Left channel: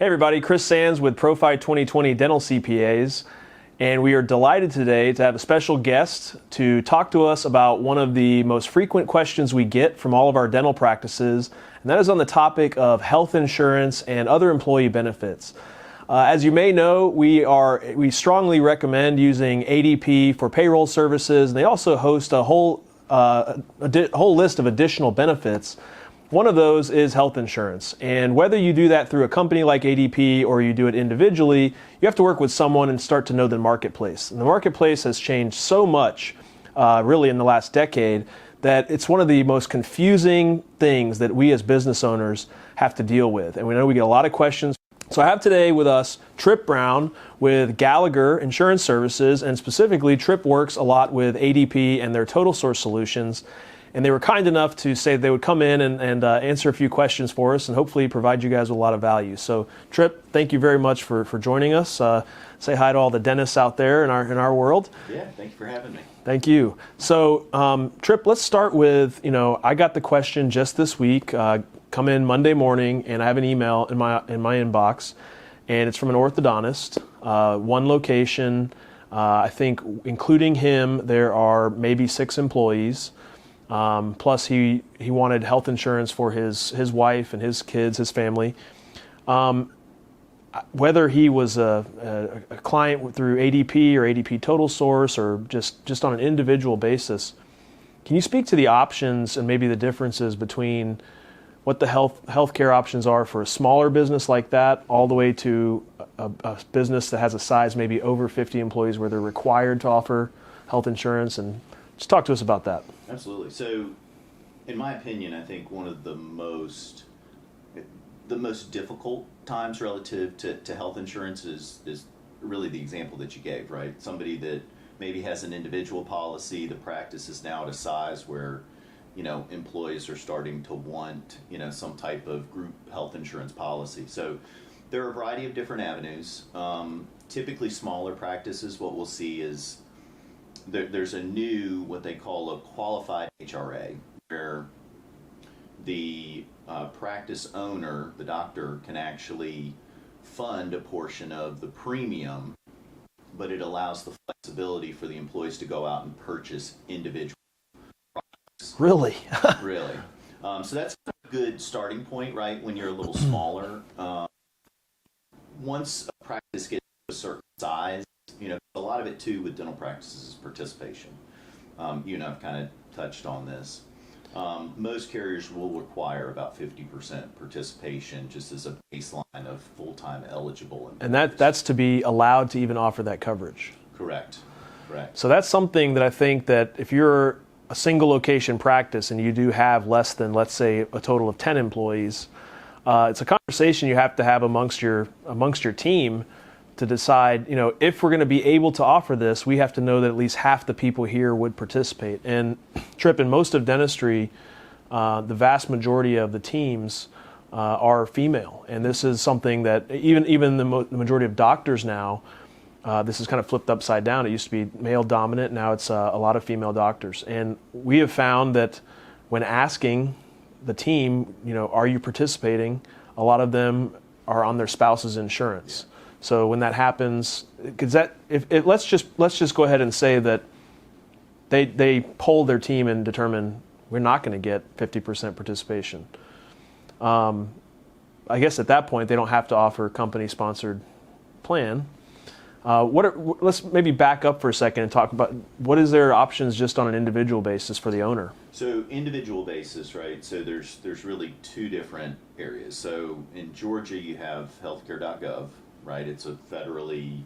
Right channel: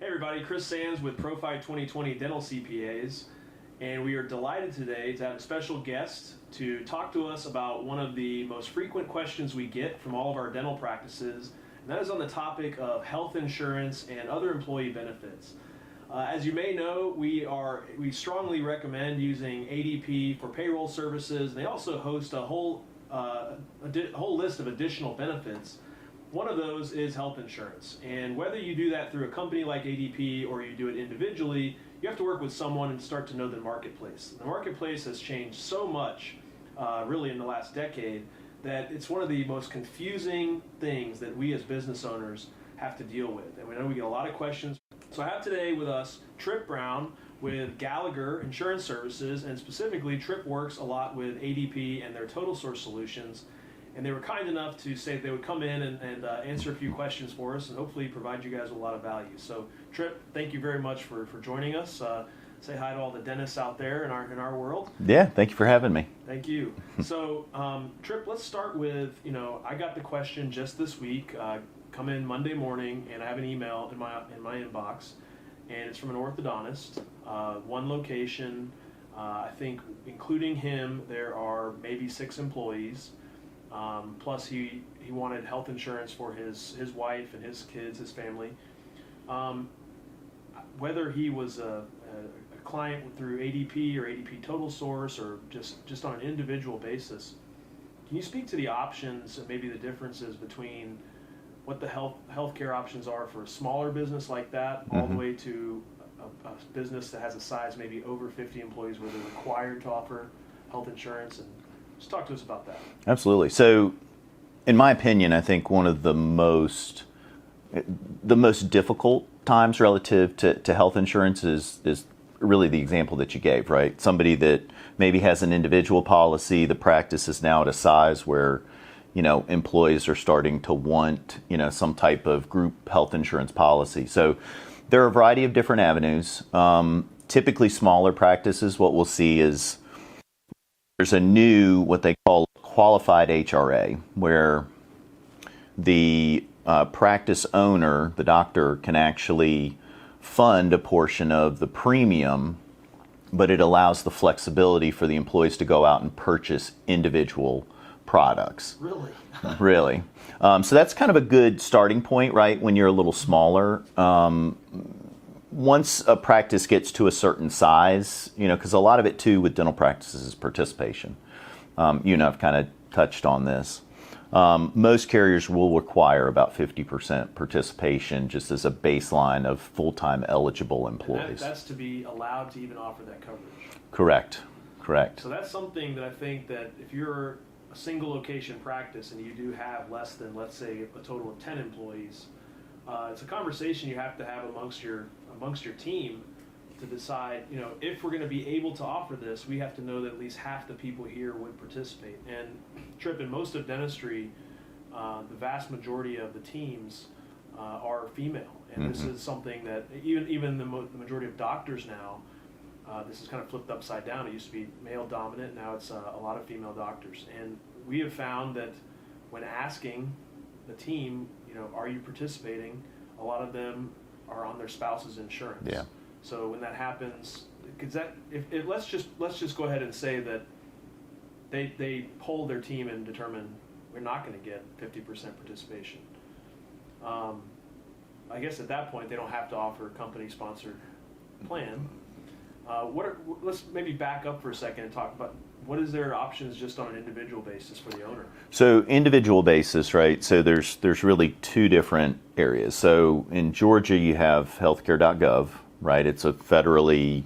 Hey everybody, Chris Sands with Profi 2020 Dental CPAs, and we are delighted today to have a special guest to talk to us about one of the most frequent questions we get from all of our dental practices, and that is on the topic of health insurance and other employee benefits. As you may know, we strongly recommend using ADP for payroll services, and they also host a whole list of additional benefits. One of those is health insurance, and whether you do that through a company like ADP or you do it individually, you have to work with someone and start to know the marketplace. And the marketplace has changed so much, really in the last decade, that it's one of the most confusing things that we as business owners have to deal with. And we know we get a lot of questions. So I have today with us Tripp Brown with Gallagher Insurance Services, and specifically Tripp works a lot with ADP and their Total Source solutions. And they were kind enough to say they would come in and answer a few questions for us and hopefully provide you guys with a lot of value. So Tripp, thank you very much for joining us. Say hi to all the dentists out there in our world. Yeah, thank you for having me. Thank you. So Tripp, let's start with, I got the question just this week, come in Monday morning, and I have an email in my inbox, and it's from an orthodontist, one location. I think including him, there are maybe 6 employees. Plus he wanted health insurance for his wife and his kids, his family. Whether he was a client through ADP or ADP Total Source or just on an individual basis, can you speak to the options and maybe the differences between what the healthcare options are for a smaller business like that, all the way to a business that has a size maybe over 50 employees where they're required to offer health insurance? And just talk to us about that. Absolutely. So, in my opinion, I think one of the most difficult times relative to health insurance is really the example that you gave, right? Somebody that maybe has an individual policy, the practice is now at a size where, employees are starting to want, some type of group health insurance policy. So, there are a variety of different avenues. Typically, smaller practices, what we'll see is there's a new, what they call a qualified HRA, where the practice owner, the doctor, can actually fund a portion of the premium, but it allows the flexibility for the employees to go out and purchase individual products. Really? Really. So that's kind of a good starting point, right, when you're a little smaller. Once a practice gets to a certain size, because a lot of it too with dental practices is participation. I've kind of touched on this. Most carriers will require about 50% participation just as a baseline of full-time eligible employees. And that's to be allowed to even offer that coverage. Correct. So that's something that I think that if you're a single location practice and you do have less than, let's say, a total of 10 employees, it's a conversation you have to have amongst your team to decide, if we're going to be able to offer this, we have to know that at least half the people here would participate. And Tripp, in most of dentistry, the vast majority of the teams are female, and this is something that even the majority of doctors now, this is kind of flipped upside down. It used to be male dominant, now it's a lot of female doctors, and we have found that when asking the team, are you participating? A lot of them are on their spouse's insurance. Yeah. So when that happens, because let's just go ahead and say that they poll their team and determine we're not going to get 50% participation. I guess at that point they don't have to offer a company-sponsored plan. Let's maybe back up for a second and talk about what is their options just on an individual basis for the owner. So individual basis, right? So there's really 2 different areas. So in Georgia you have healthcare.gov, right? It's a federally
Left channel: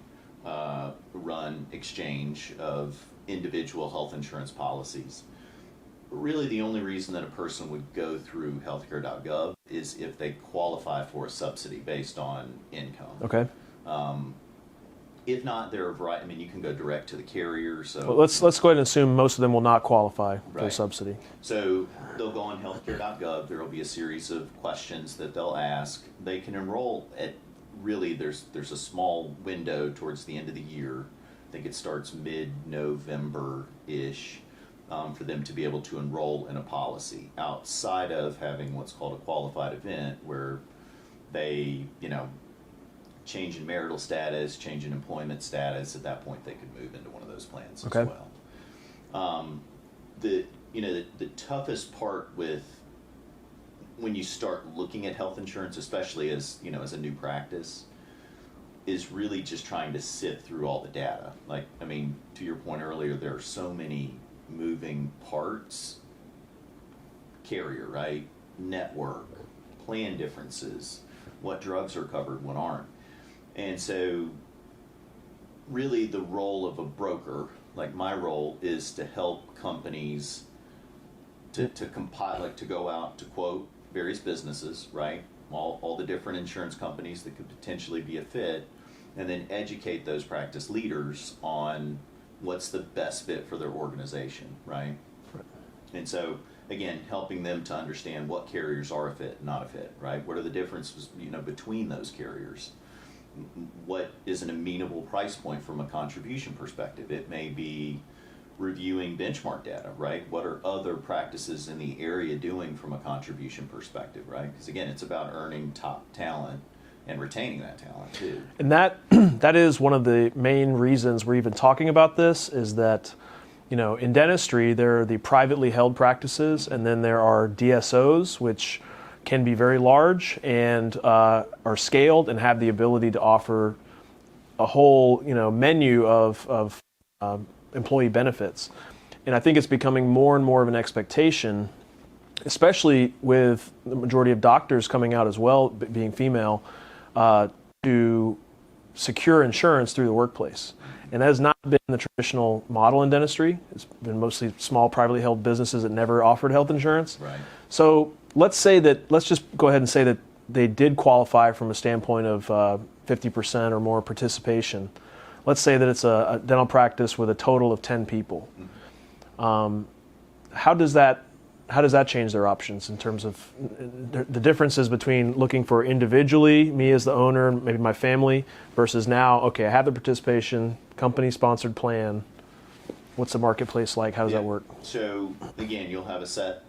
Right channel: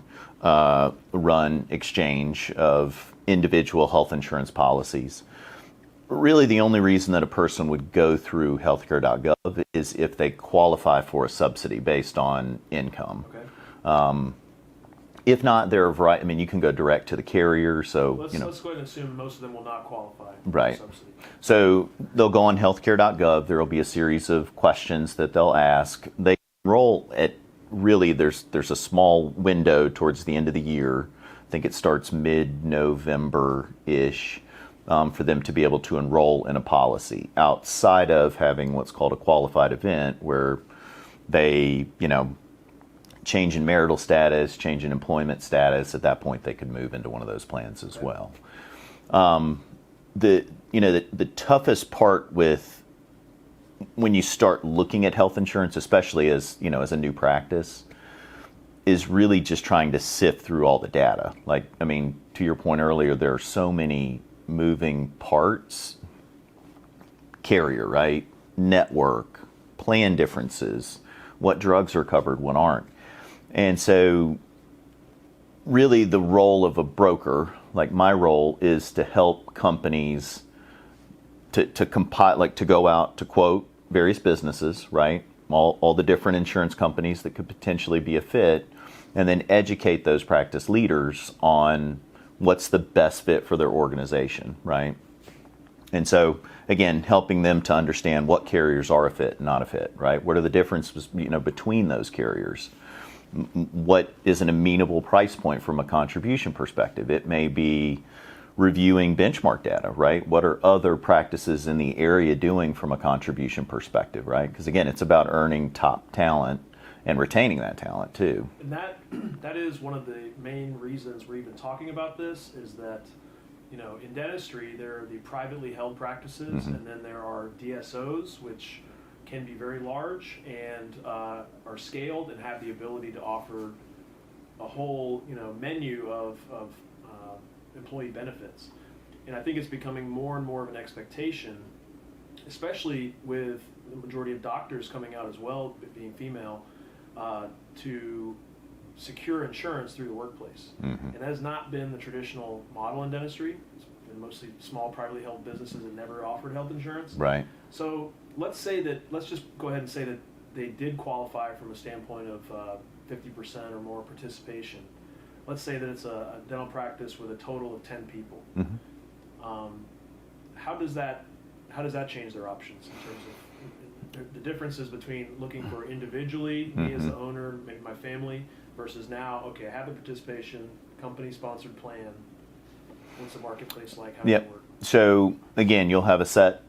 run exchange of individual health insurance policies. Really the only reason that a person would go through healthcare.gov is if they qualify for a subsidy based on income. Okay. If not, there are a variety. I mean, you can go direct to the carrier. So let's go ahead and assume most of them will not qualify for a subsidy. So they'll go on healthcare.gov. There will be a series of questions that they'll ask. They can enroll at there's a small window towards the end of the year. I think it starts mid-November-ish for them to be able to enroll in a policy outside of having what's called a qualified event, where they change in marital status, change in employment status, at that point they could move into one of those plans as well. The toughest part with when you start looking at health insurance, especially as a new practice, is really just trying to sift through all the data. Like, I mean, to your point earlier, there are so many moving parts. Carrier, right? Network, plan differences, what drugs are covered, what aren't. And so really the role of a broker, like my role, is to help companies to compile, like to go out to quote various businesses, right? All the different insurance companies that could potentially be a fit, and then educate those practice leaders on what's the best fit for their organization, right? And so, again, helping them to understand what carriers are a fit and not a fit, right? What are the differences, between those carriers? What is an amenable price point from a contribution perspective? It may be reviewing benchmark data, right? What are other practices in the area doing from a contribution perspective, right? Because again, it's about earning top talent and retaining that talent too. And that is one of the main reasons we're even talking about this, is that in dentistry, there are the privately held practices, and then there are DSOs, which can be very large and are scaled and have the ability to offer a whole menu of employee benefits. And I think it's becoming more and more of an expectation, especially with the majority of doctors coming out as well, being female, to secure insurance through the workplace. And that has not been the traditional model in dentistry. It's been mostly small privately held businesses that never offered health insurance. Right. So let's just go ahead and say that they did qualify from a standpoint of 50% or more participation. Let's say that it's a dental practice with a total of 10 people. How does that change their options in terms of the differences between looking for individually, me as the owner, maybe my family, versus now, okay, I have the participation, company-sponsored plan. What's the marketplace like? How does that work? So again, you'll have a set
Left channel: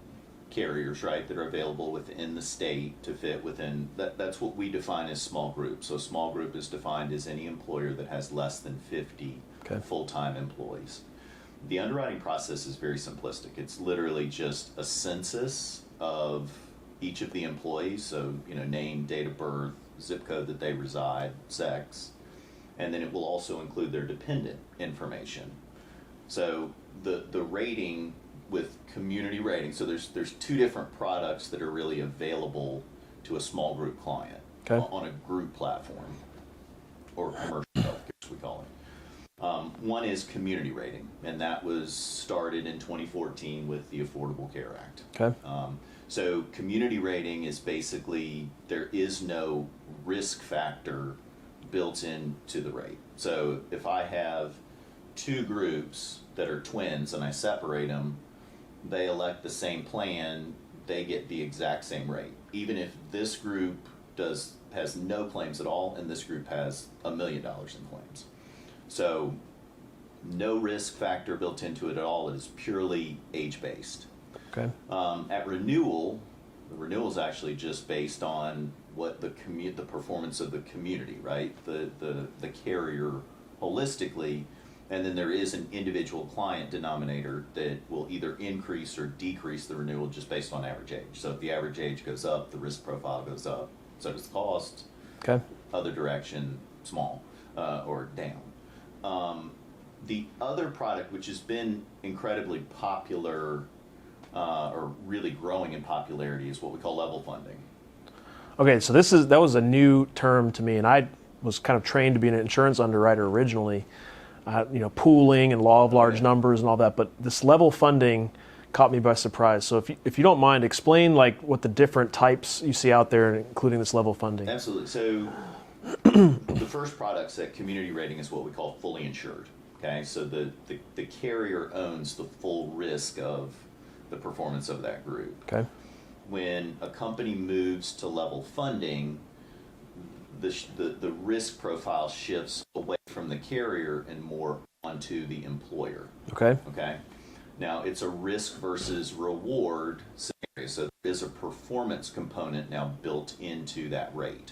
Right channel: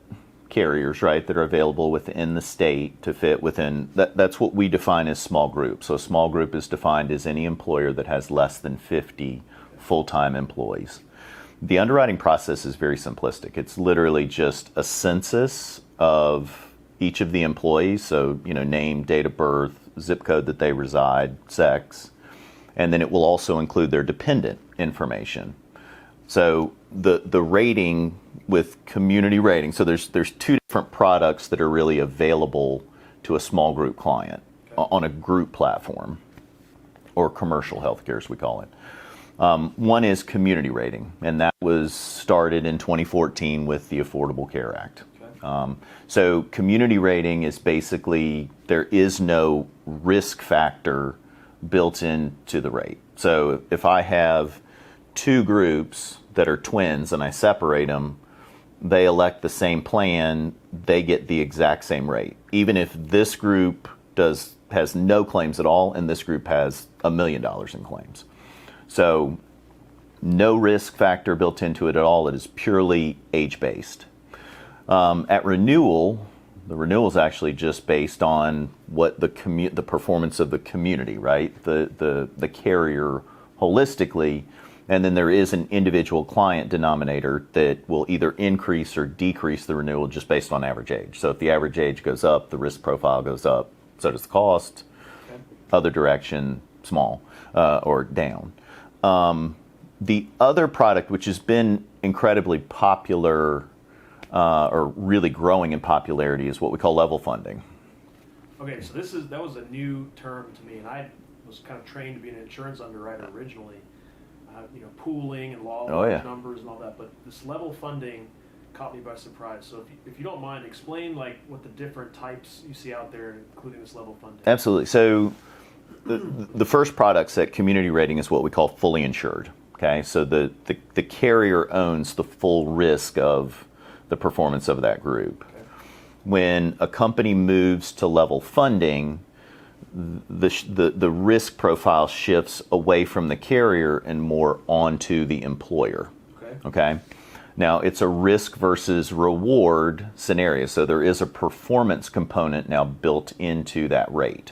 carriers, right, that are available within the state to fit within, that's what we define as small group. So a small group is defined as any employer that has less than 50 full-time employees. The underwriting process is very simplistic. It's literally just a census of each of the employees, so name, date of birth, zip code that they reside, sex, and then it will also include their dependent information. So the rating with community rating, so there's two different products that are really available to a small group client on a group platform, or commercial healthcare as we call it. One is community rating, and that was started in 2014 with the Affordable Care Act. So community rating is basically, there is no risk factor built into the rate. So if I have two groups that are twins and I separate them, they elect the same plan, they get the exact same rate. Even if this group has no claims at all and this group has $1 million in claims. So no risk factor built into it at all. It is purely age-based. At renewal, the renewal is actually just based on what the performance of the community, right? The carrier holistically, and then there is an individual client denominator that will either increase or decrease the renewal just based on average age. So if the average age goes up, the risk profile goes up, so does the cost. Other direction, small or down. The other product, which has been incredibly popular or really growing in popularity, is what we call level funding. Okay, so that was a new term to me, and I was kind of trained to be an insurance underwriter originally. Pooling and law of large numbers and all that, but this level funding caught me by surprise. So if you don't mind, explain what the different types you see out there, including this level funding. Absolutely. So the first products at community rating is what we call fully insured. Okay, so the carrier owns the full risk of the performance of that group. When a company moves to level funding, the risk profile shifts away from the carrier and more onto the employer. Okay. Now it's a risk versus reward scenario, so there is a performance component now built into that rate.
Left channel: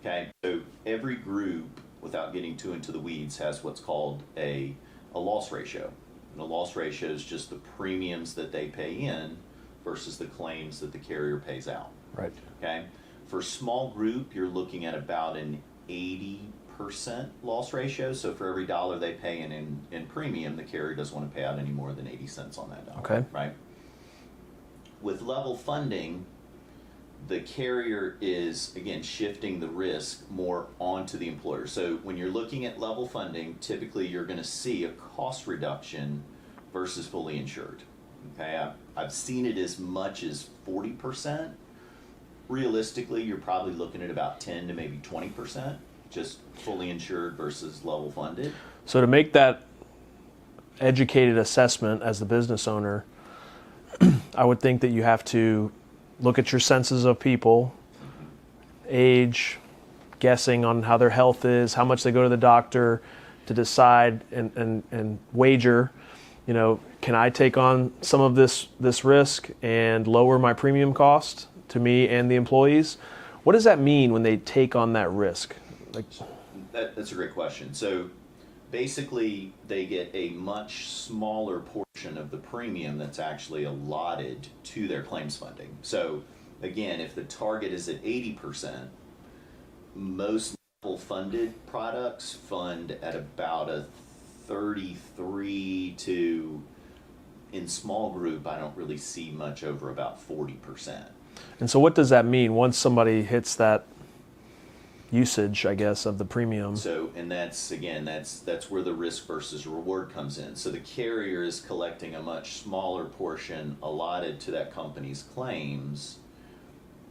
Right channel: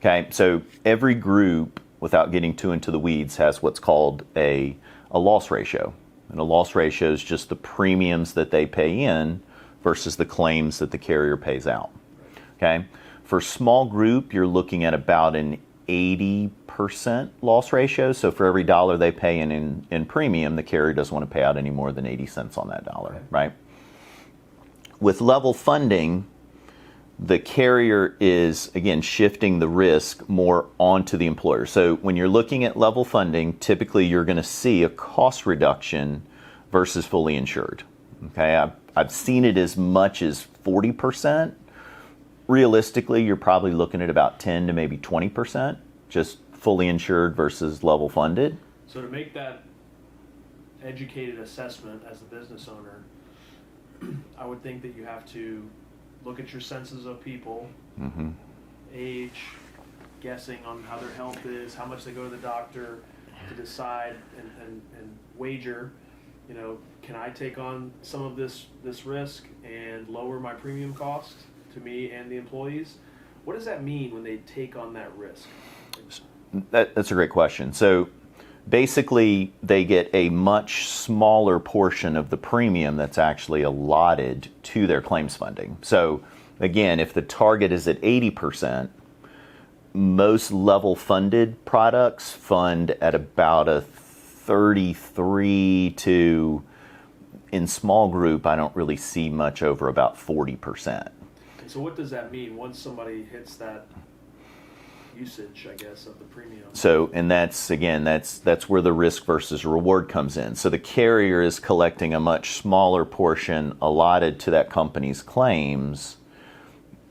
Okay, so every group, without getting too into the weeds, has what's called a loss ratio. And a loss ratio is just the premiums that they pay in versus the claims that the carrier pays out. Right. Okay, for small group, you're looking at about an 80% loss ratio. So for every dollar they pay in premium, the carrier doesn't want to pay out any more than 80 cents on that dollar, okay. right? With level funding, the carrier is, again, shifting the risk more onto the employer. So when you're looking at level funding, typically you're going to see a cost reduction versus fully insured. Okay, I've seen it as much as 40%. Realistically, you're probably looking at about 10 to maybe 20%, just fully insured versus level funded. So to make that educated assessment as the business owner, I would think that you have to look at your census of people, age, guessing on how their health is, how much they go to the doctor, to decide and wager, can I take on some of this risk and lower my premium cost to me and the employees? What does that mean when they take on that risk? That's a great question. So basically, they get a much smaller portion of the premium that's actually allotted to their claims funding. So again, if the target is at 80%, most level funded products fund at about a 33 to, in small group, I don't really see much over about 40%. And so what does that mean once somebody hits that usage, I guess, of the premium? So, and that's where the risk versus reward comes in. So the carrier is collecting a much smaller portion allotted to that company's claims.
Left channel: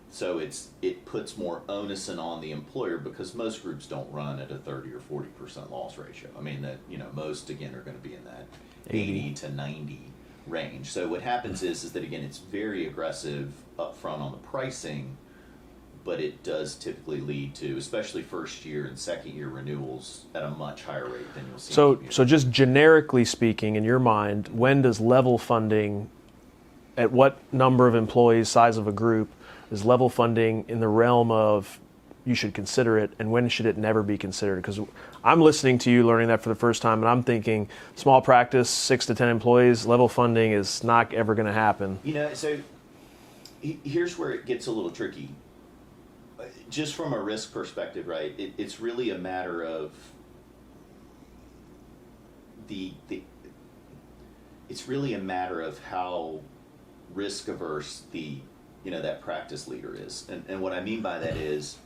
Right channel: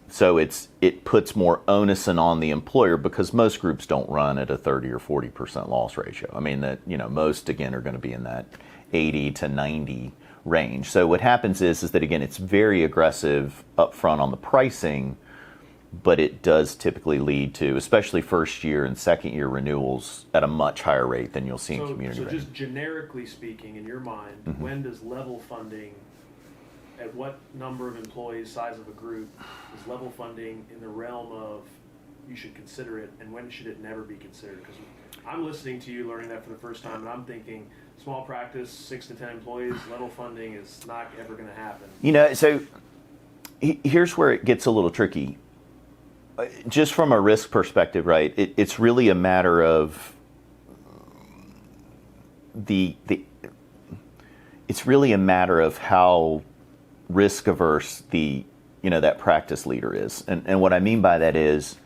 So it puts more onus on the employer, because most groups don't run at a 30 or 40% loss ratio. I mean, that, most again are going to be in that 80 to 90 range. So what happens is that, again, it's very aggressive upfront on the pricing, but it does typically lead to, especially first year and second year renewals, at a much higher rate than you'll see in community. So just generically speaking, in your mind, when does level funding, at what number of employees, size of a group, is level funding in the realm of you should consider it, and when should it never be considered? Because I'm listening to you learning that for the first time, and I'm thinking small practice, 6 to 10 employees, level funding is not ever going to happen. So here's where it gets a little tricky. Just from a risk perspective, right? It's really a matter of it's really a matter of how risk averse that practice leader is. And what I mean by that is,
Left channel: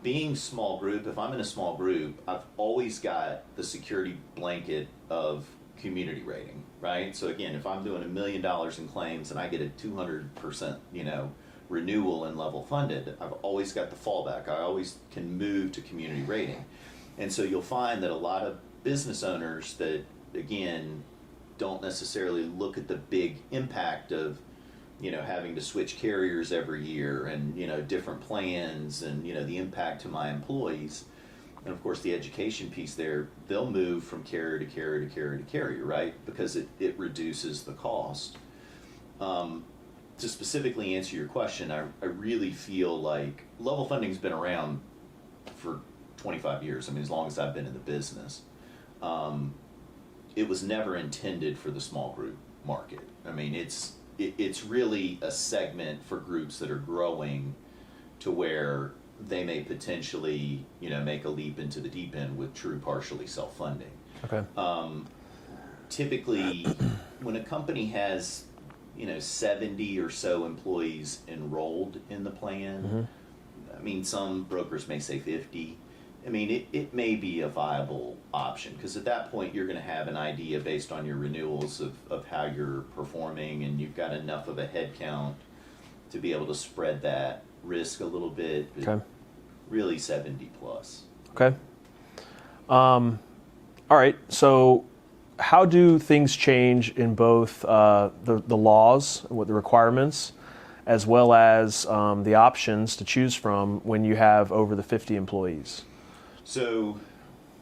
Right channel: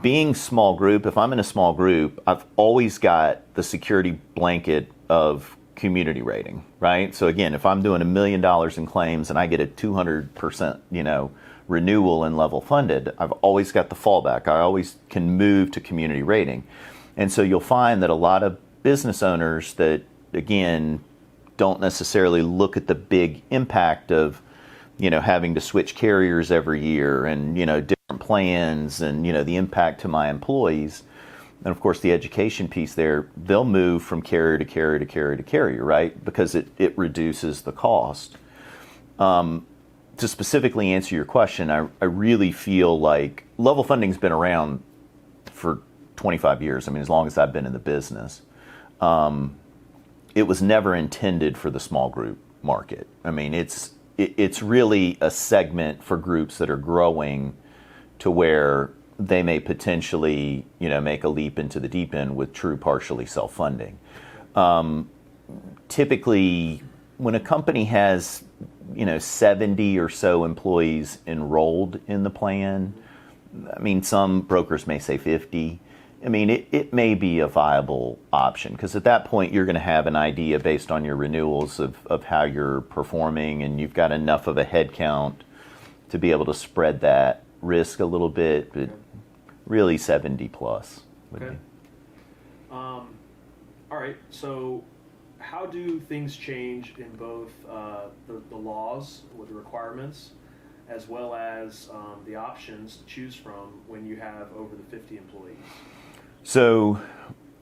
being small group, if I'm in a small group, I've always got the security blanket of community rating, right? So again, if I'm doing $1 million in claims and I get a 200%, renewal and level funded, I've always got the fallback. I always can move to community rating. And so you'll find that a lot of business owners that, again, don't necessarily look at the big impact of, having to switch carriers every year and, different plans and, the impact to my employees. And of course, the education piece there, they'll move from carrier to carrier to carrier to carrier, right? Because it reduces the cost. To specifically answer your question, I really feel like level funding's been around for 25 years. I mean, as long as I've been in the business. It was never intended for the small group market. I mean, it's really a segment for groups that are growing to where they may potentially, make a leap into the deep end with true partially self-funding. Okay. Typically, when a company has 70 or so employees enrolled in the plan, I mean, some brokers may say 50. I mean, it may be a viable option, because at that point you're going to have an idea based on your renewals of how you're performing, and you've got enough of a head count to be able to spread that risk a little bit, but Okay. really 70 plus. Okay. All right. So how do things change in both the laws, what the requirements, as well as the options to choose from when you have over the 50 employees? So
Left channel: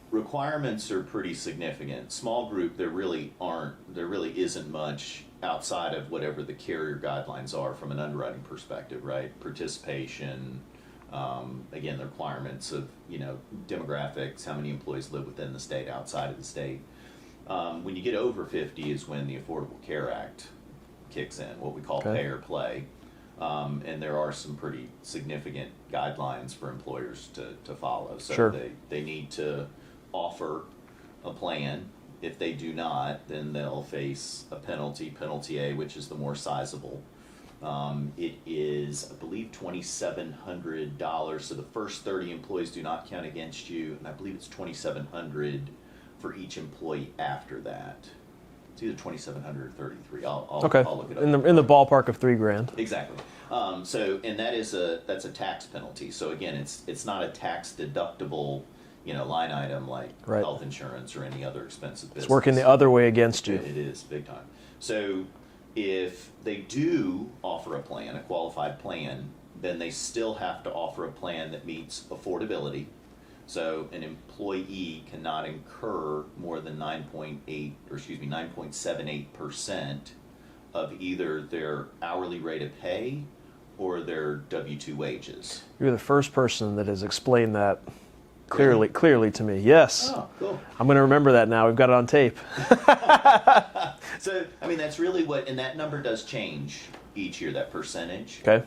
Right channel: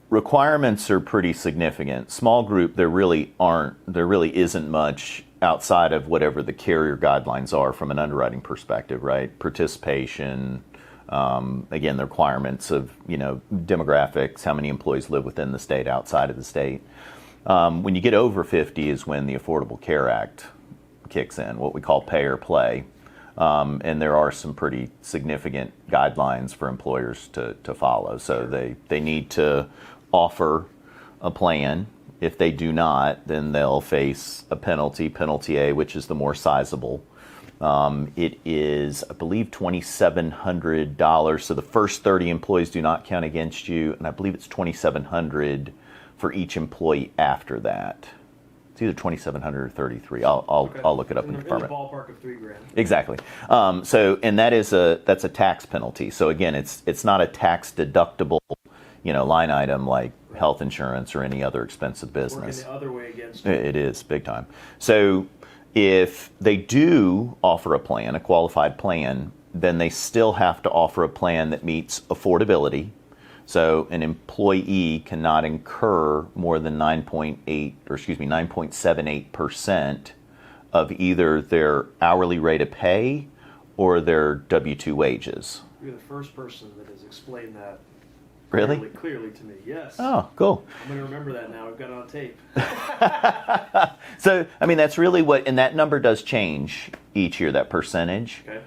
requirements are pretty significant. Small group, there really isn't much outside of whatever the carrier guidelines are from an underwriting perspective, right? Participation, Again, the requirements of, demographics, how many employees live within the state, outside of the state. When you get over 50 is when the Affordable Care Act kicks in, what we call pay or play. And there are some pretty significant guidelines for employers to follow. So they need to offer a plan. If they do not, then they'll face a penalty A, which is the more sizable. It is, I believe, $2,700. So the first 30 employees do not count against you, and I believe it's $2,700 for each employee after that. It's either 2,700 or 33. I'll look it up in the ballpark of $3,000. Exactly. And that's a tax penalty. So again, it's not a tax deductible, line item like health insurance or any other expensive business. It's working the other way against you. It is big time. So if they do offer a plan, a qualified plan, then they still have to offer a plan that meets affordability. So an employee cannot incur more than 9.78% of either their hourly rate of pay or their W-2 wages. You're the first person that has explained that clearly to me. Yes. Oh, cool. I'm going to remember that now. We've got it on tape. So, that's really and that number does change each year, that percentage. Okay.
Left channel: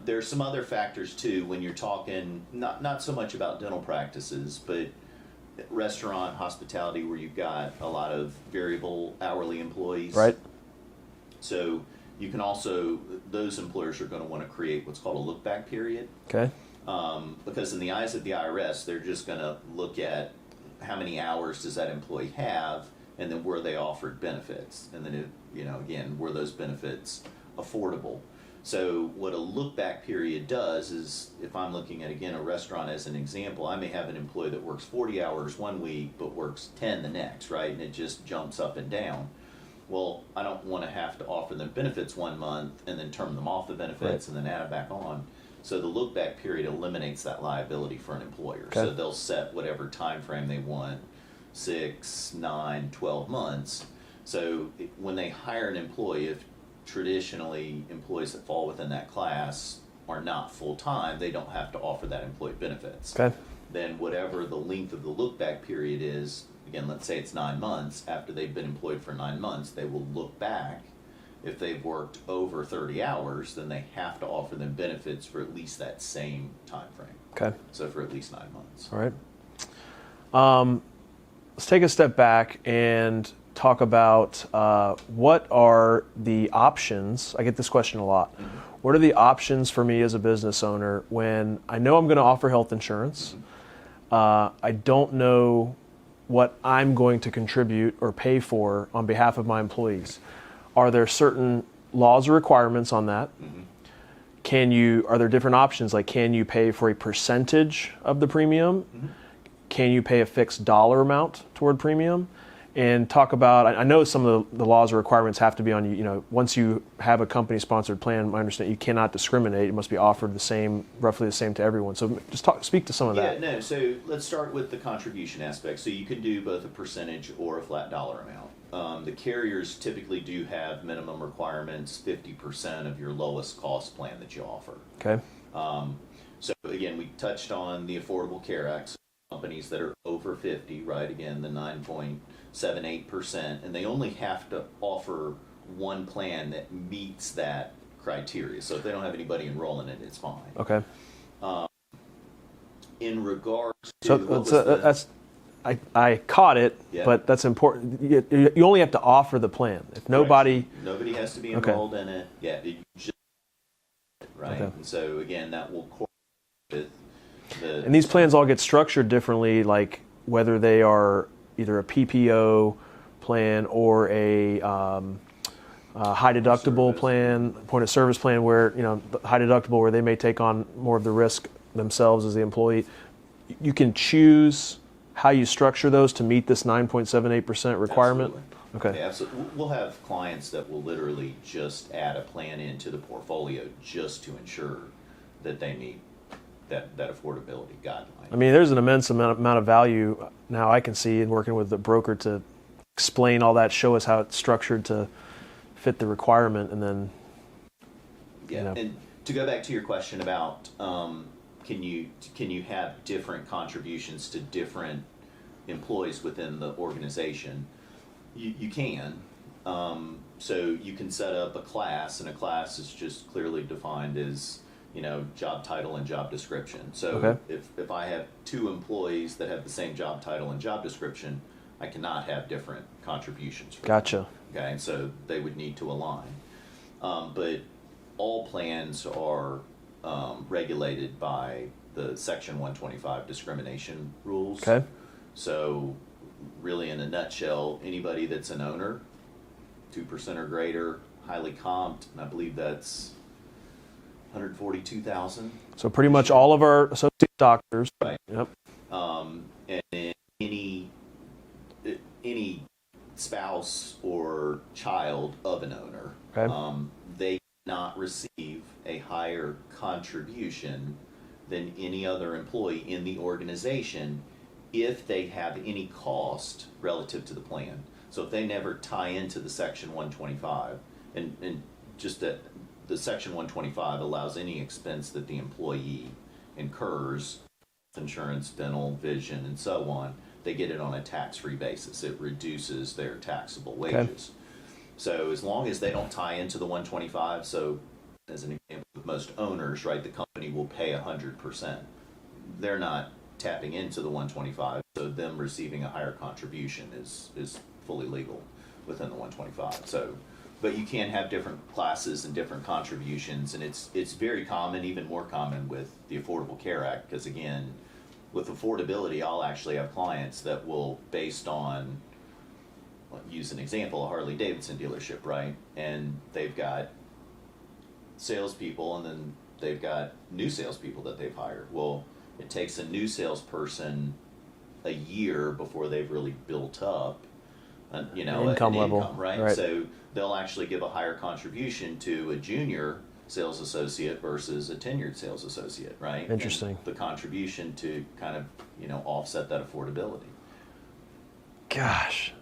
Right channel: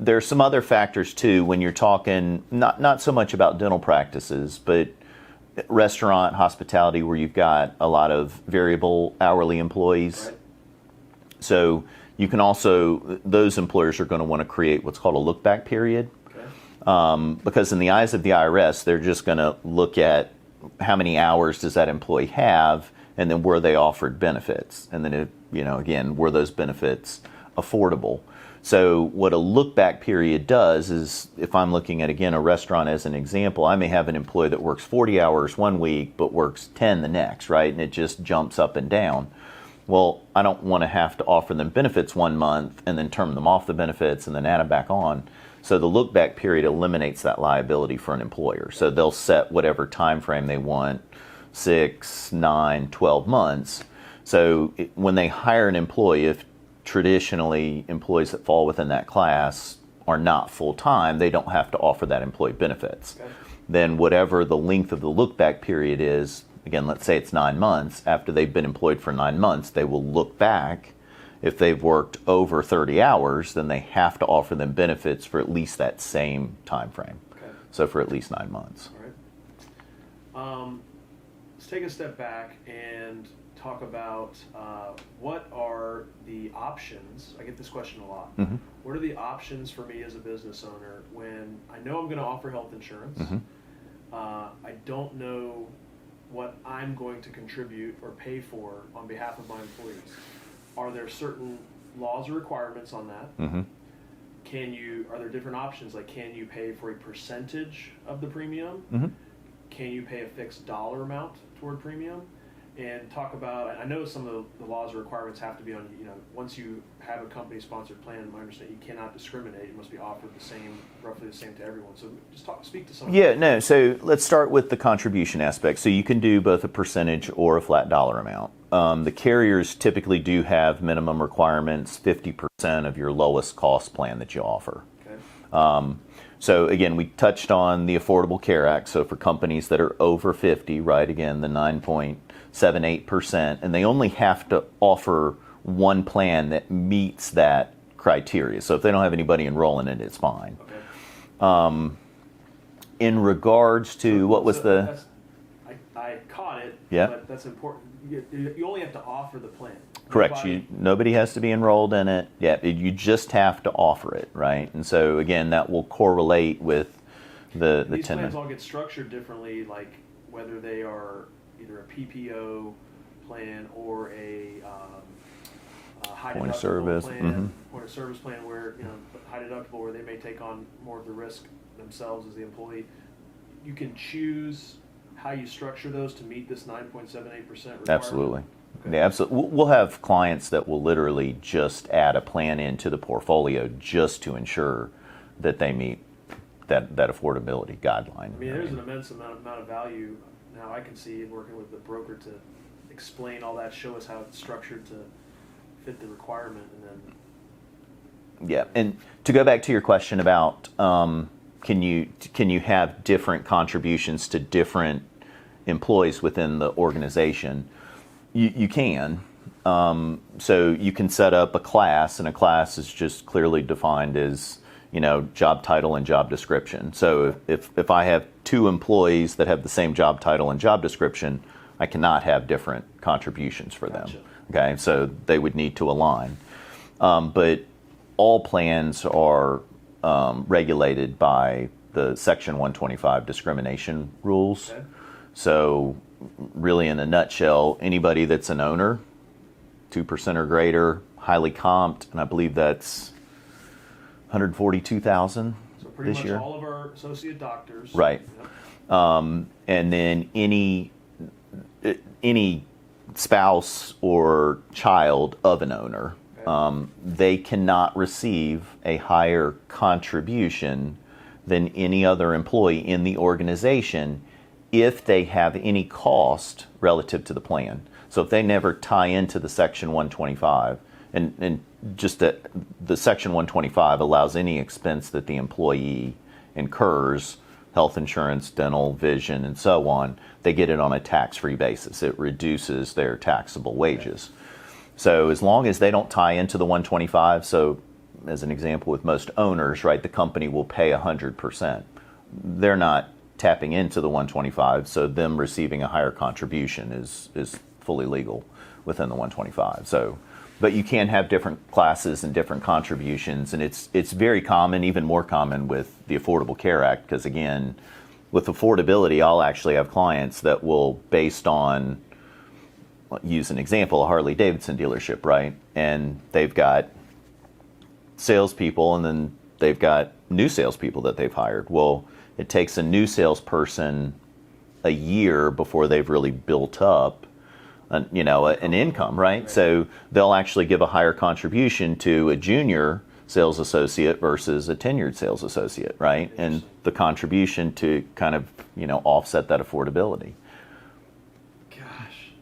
There's some other factors too when you're talking not so much about dental practices, but restaurant, hospitality, where you've got a lot of variable hourly employees. Right. So you can also, those employers are going to want to create what's called a look back period. Okay. Because in the eyes of the IRS, they're just going to look at how many hours does that employee have, and then were they offered benefits, and then again, were those benefits affordable? So what a look-back period does is, if I'm looking at, again, a restaurant as an example, I may have an employee that works 40 hours one week but works 10 the next, right? And it just jumps up and down. Well, I don't want to have to offer them benefits 1 month and then turn them off the benefits and then add them back on. So the look-back period eliminates that liability for an employer. Okay. So they'll set whatever time frame they want, 6, 9, 12 months. So when they hire an employee, if traditionally employees that fall within that class are not full-time, they don't have to offer that employee benefits. Okay. Then whatever the length of the look-back period is, again, let's say it's 9 months, after they've been employed for 9 months, they will look back. If they've worked over 30 hours, then they have to offer them benefits for at least that same time frame. Okay. So for at least 9 months. All right. Let's take a step back and talk about what are the options. I get this question a lot. Mm-hmm. What are the options for me as a business owner when I know I'm going to offer health insurance? Mm-hmm. I don't know what I'm going to contribute or pay for on behalf of my employees. Are there certain laws or requirements on that? Mm-hmm. Are there different options? Like, can you pay for a percentage of the premium? Mm-hmm. Can you pay a fixed dollar amount toward premium? And talk about, I know some of the laws or requirements have to be on you. Once you have a company-sponsored plan, I understand you cannot discriminate. It must be offered roughly the same to everyone. So just speak to some of that. Yeah, no. So let's start with the contribution aspect. So you can do both a percentage or a flat dollar amount. The carriers typically do have minimum requirements, 50% of your lowest cost plan that you offer. Okay. So again, we touched on the Affordable Care Act. So for companies that are over 50, right, again, the 9.78%, and they only have to offer one plan that meets that criteria. So if they don't have anybody enrolling in it, it's fine. Okay. In regards to I caught it, yeah. But that's important. You only have to offer the plan. If nobody has to be enrolled in it. Yeah, you just have to offer it, right? Okay. And so again, that will correlate with And these plans all get structured differently, like whether they are either a PPO plan or a high deductible plan, mm-hmm. point of service plan, where high deductible where they may take on more of the risk themselves as the employee. You can choose how you structure those to meet this 9.78% requirement? Absolutely. Okay. Yeah, absolutely. We'll have clients that will literally just add a plan into the portfolio just to ensure that they meet that affordability guideline. I mean, there's an immense amount of value now I can see in working with the broker to explain all that, show us how it's structured to fit the requirement, and then... Yeah, and to go back to your question about can you have different contributions to different employees within the organization? You can. So you can set up a class, and a class is just clearly defined as, job title and job description. So if I have 2 employees that have the same job title and job description, I cannot have different contributions for Gotcha. them. Okay, so they would need to align. But all plans are regulated by the Section 125 discrimination rules. Okay. So really, in a nutshell, anybody that's an owner, 2% or greater, highly comped, and I believe that's 142,000. So pretty much all of our associate doctors. Right. Yep. And then any spouse or child of an owner, they cannot receive a higher contribution than any other employee in the organization if they have any cost relative to the plan. So if they never tie into the Section 125, and just that the Section 125 allows any expense that the employee incurs, health insurance, dental, vision, and so on, they get it on a tax-free basis. It reduces their taxable wages. So as long as they don't tie into the 125, so as an example with most owners, right, the company will pay 100%. They're not tapping into the 125, so them receiving a higher contribution is fully legal within the 125. So, but you can have different classes and different contributions, and it's very common, even more common with the Affordable Care Act, because again, with affordability, I'll actually have clients that will, based on, use an example, a Harley Davidson dealership, right? And they've got salespeople, and then they've got new salespeople that they've hired. Well, it takes a new salesperson a year before they've really built up an income, right? So they'll actually give a higher contribution to a junior sales associate versus a tenured sales associate, right? Interesting. And the contribution to kind of, offset that affordability. Gosh.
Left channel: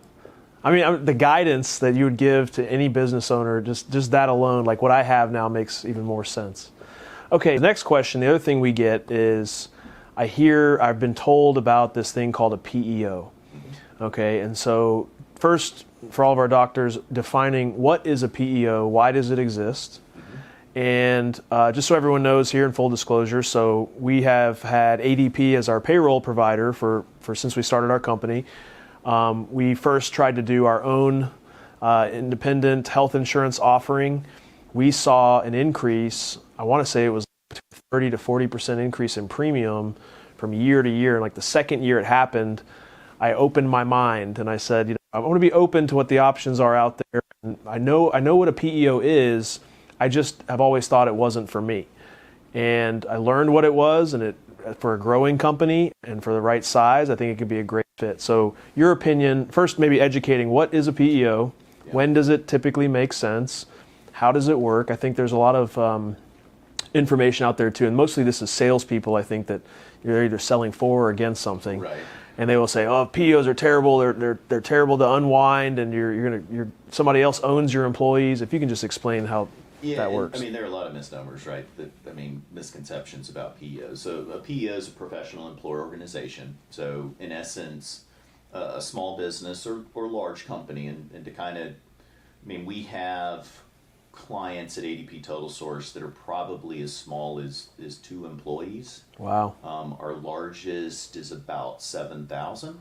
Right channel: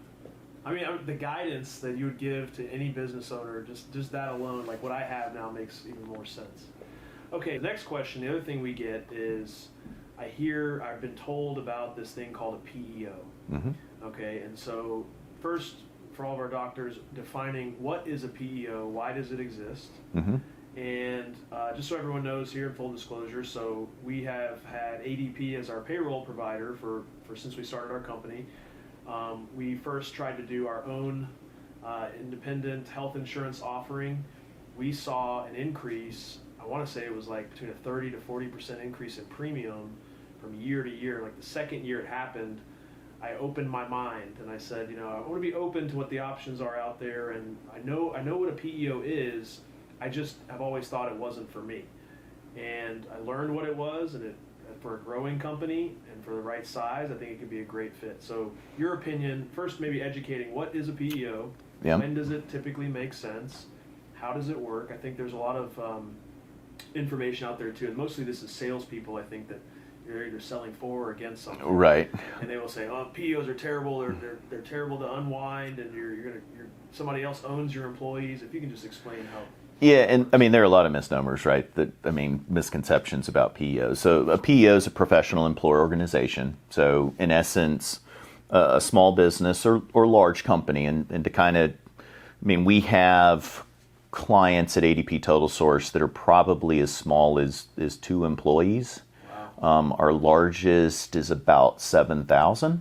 I mean, the guidance that you would give to any business owner, just that alone, like what I have now, makes even more sense. Okay, the next question, the other thing we get is, I've been told about this thing called a PEO. Okay, and so first, for all of our doctors, defining what is a PEO, why does it exist? And just so everyone knows here, in full disclosure, so we have had ADP as our payroll provider for since we started our company. We first tried to do our own independent health insurance offering. We saw an increase, I want to say it was like between a 30 to 40% increase in premium from year to year. And like the second year it happened, I opened my mind and I said, I want to be open to what the options are out there. And I know what a PEO is. I just have always thought it wasn't for me. And I learned what it was, and for a growing company and for the right size, I think it could be a great fit. So your opinion, first maybe educating, what is a PEO? Yeah. When does it typically make sense? How does it work? I think there's a lot of information out there too, and mostly this is salespeople, I think, that you're either selling for or against something. Right. And they will say, "Oh, PEOs are terrible. They're terrible to unwind, and you're somebody else owns your employees." If you can just explain how. Yeah, and I mean, there are a lot of misnomers, right? Misconceptions about PEOs. So a PEO is a professional employer organization. So in essence, a small business or large company, and to kind of, we have clients at ADP Total Source that are probably as small as 2 employees. Wow. Our largest is about 7,000.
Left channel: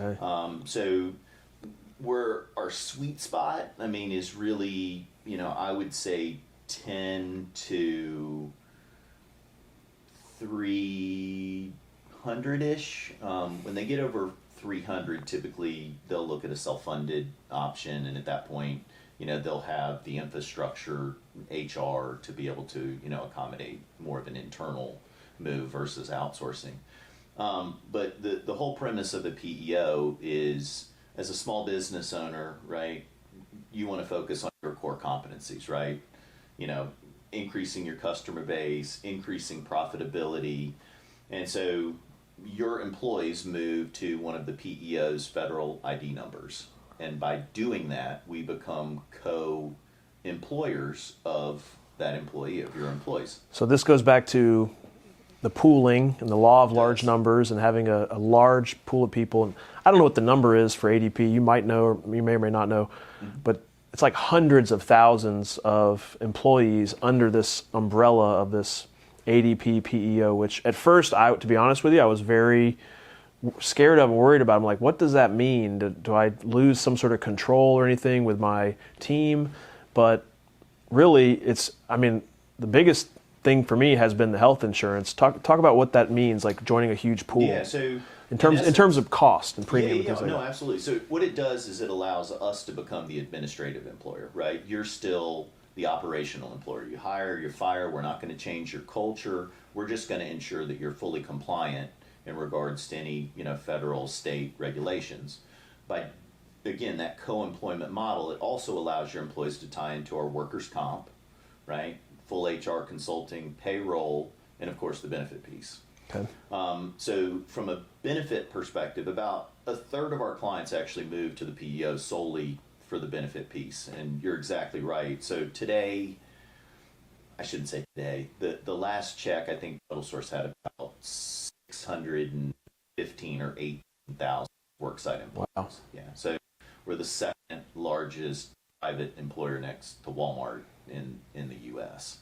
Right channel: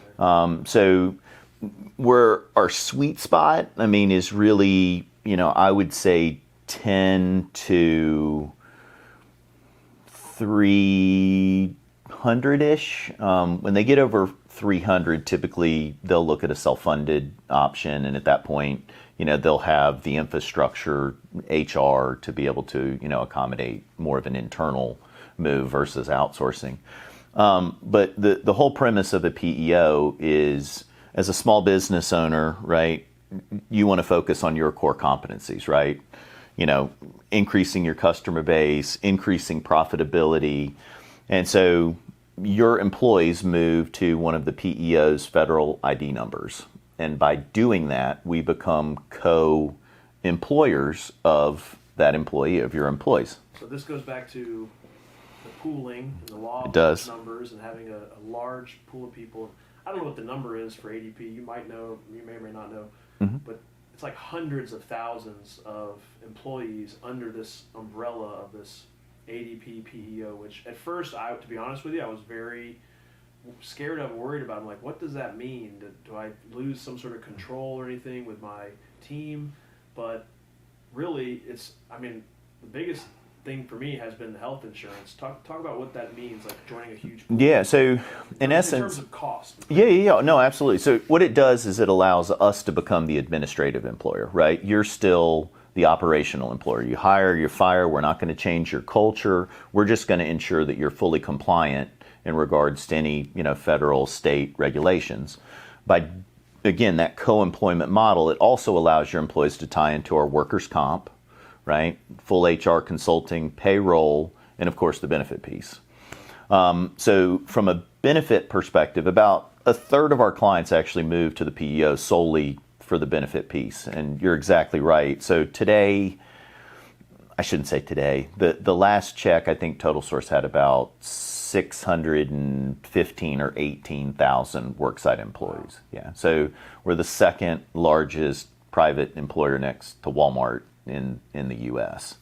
Okay. So where our sweet spot, is really, I would say 10 to 300-ish. When they get over 300, typically they'll look at a self-funded option, and at that point, they'll have the infrastructure, HR, to be able to, accommodate more of an internal move versus outsourcing. But the whole premise of a PEO is, as a small business owner, right, you want to focus on your core competencies, right? Increasing your customer base, increasing profitability. And so your employees move to one of the PEO's federal ID numbers. And by doing that, we become co-employers of that employee, of your employees. So this goes back to the pooling and the law of It large does. numbers and having a large pool of people. And I don't know what the number is for ADP. You might know, or you may or may not know, but it's like hundreds of thousands of employees under this umbrella of this ADP PEO, which at first, to be honest with you, I was very scared of and worried about. I'm like, what does that mean? Do I lose some sort of control or anything with my team? But really, the biggest thing for me has been the health insurance. Talk about what that means, like joining a huge pool. Yeah, so in terms of cost and yeah, premium. no, absolutely. So what it does is it allows us to become the administrative employer, right? You're still the operational employer. You hire, you fire. We're not going to change your culture. We're just going to ensure that you're fully compliant in regards to any, federal, state regulations. By, again, that co-employment model, it also allows your employees to tie into our workers' comp, right? Full HR consulting, payroll, and of course the benefit piece. Okay. So from a benefit perspective, about a third of our clients actually move to the PEO solely for the benefit piece. And you're exactly right. So today, I shouldn't say today, the last check, I think Total Source had about 615 or 18,000 worksite employees. Wow. Yeah. So we're the second largest private employer next to Walmart in the U.S.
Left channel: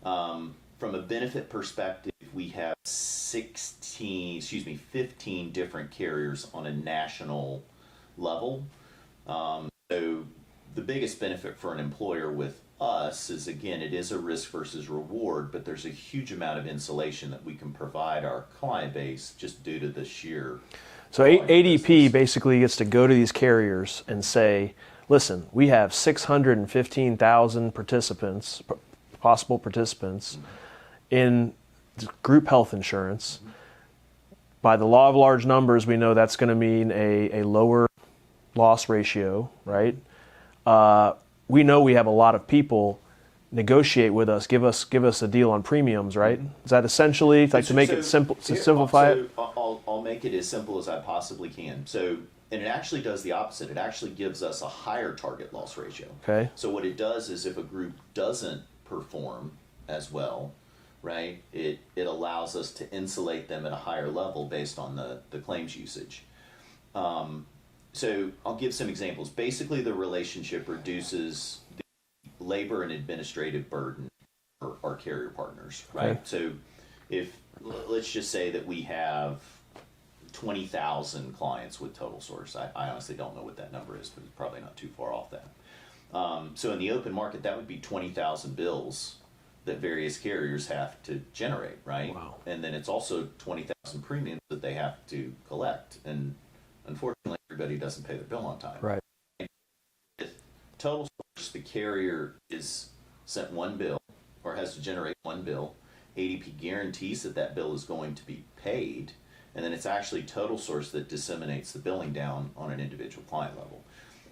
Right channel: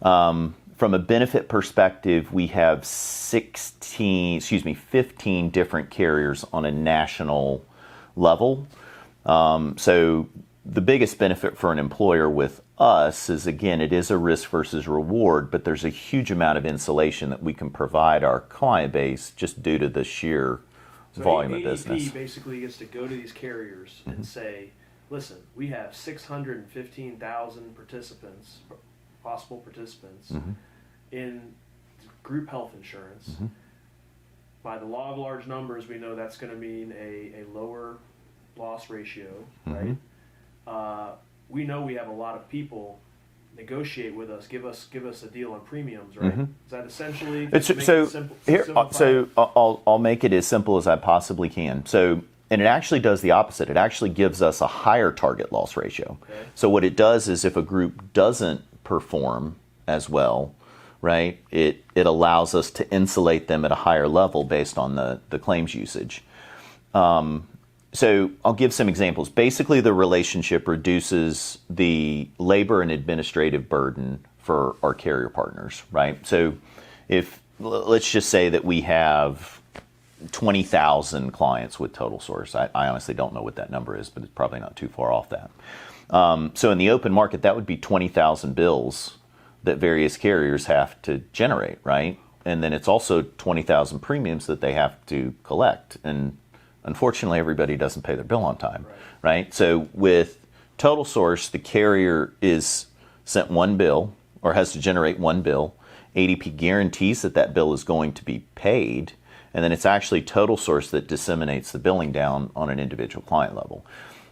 From a benefit perspective, we have 15 different carriers on a national level. So the biggest benefit for an employer with us is, again, it is a risk versus reward, but there's a huge amount of insulation that we can provide our client base just due to the sheer volume of ADP business. basically gets to go to these carriers and say, listen, we have 615,000 participants, possible participants, in group health insurance. By the law of large numbers, we know that's going to mean a lower loss ratio, right? We know we have a lot of people negotiate with us, give us a deal on premiums, right? Is that essentially to make it simple? Simplify it? I'll make it as simple as I possibly can. So, and it actually does the opposite. It actually gives us a higher target loss ratio. Okay. So what it does is if a group doesn't perform as well, right, it allows us to insulate them at a higher level based on the claims usage. So I'll give some examples. Basically, the relationship reduces the labor and administrative burden for our carrier partners, right? Okay. So if, let's just say that we have 20,000 clients with Total Source. I honestly don't know what that number is, but it's probably not too far off that. So in the open market, that would be 20,000 bills that various carriers have to generate, right? Wow. And then it's also 20,000 premiums that they have to collect. And unfortunately, everybody doesn't pay their bill on time, right? So with Total Source, the carrier is sent one bill or has to generate one bill. ADP guarantees that that bill is going to be paid, and then it's actually Total Source that disseminates the billing down on an individual client level.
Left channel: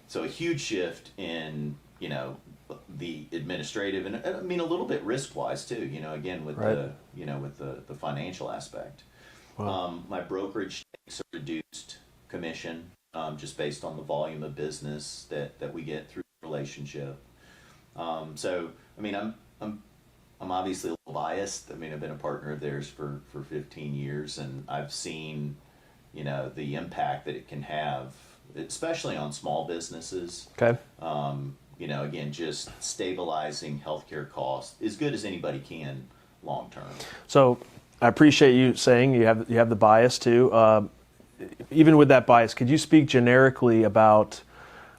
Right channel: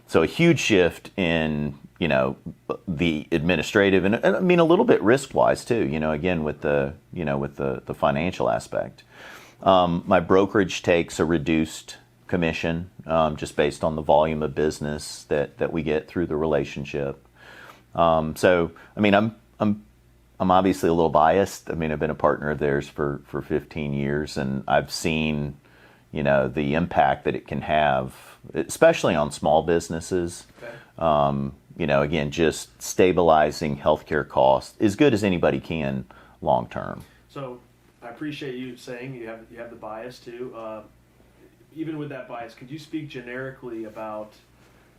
So a huge shift in, the administrative and I mean a little bit risk-wise too, again with the financial aspect. Wow. My brokerage takes a reduced commission just based on the volume of business that we get through the relationship. So I mean I'm obviously a little biased. I mean I've been a partner of theirs for 15 years and I've seen the impact that it can have, especially on small businesses. Okay. Again, just stabilizing healthcare costs as good as anybody can long term. So I appreciate you saying you have the bias too. Even with that bias, could you speak generically about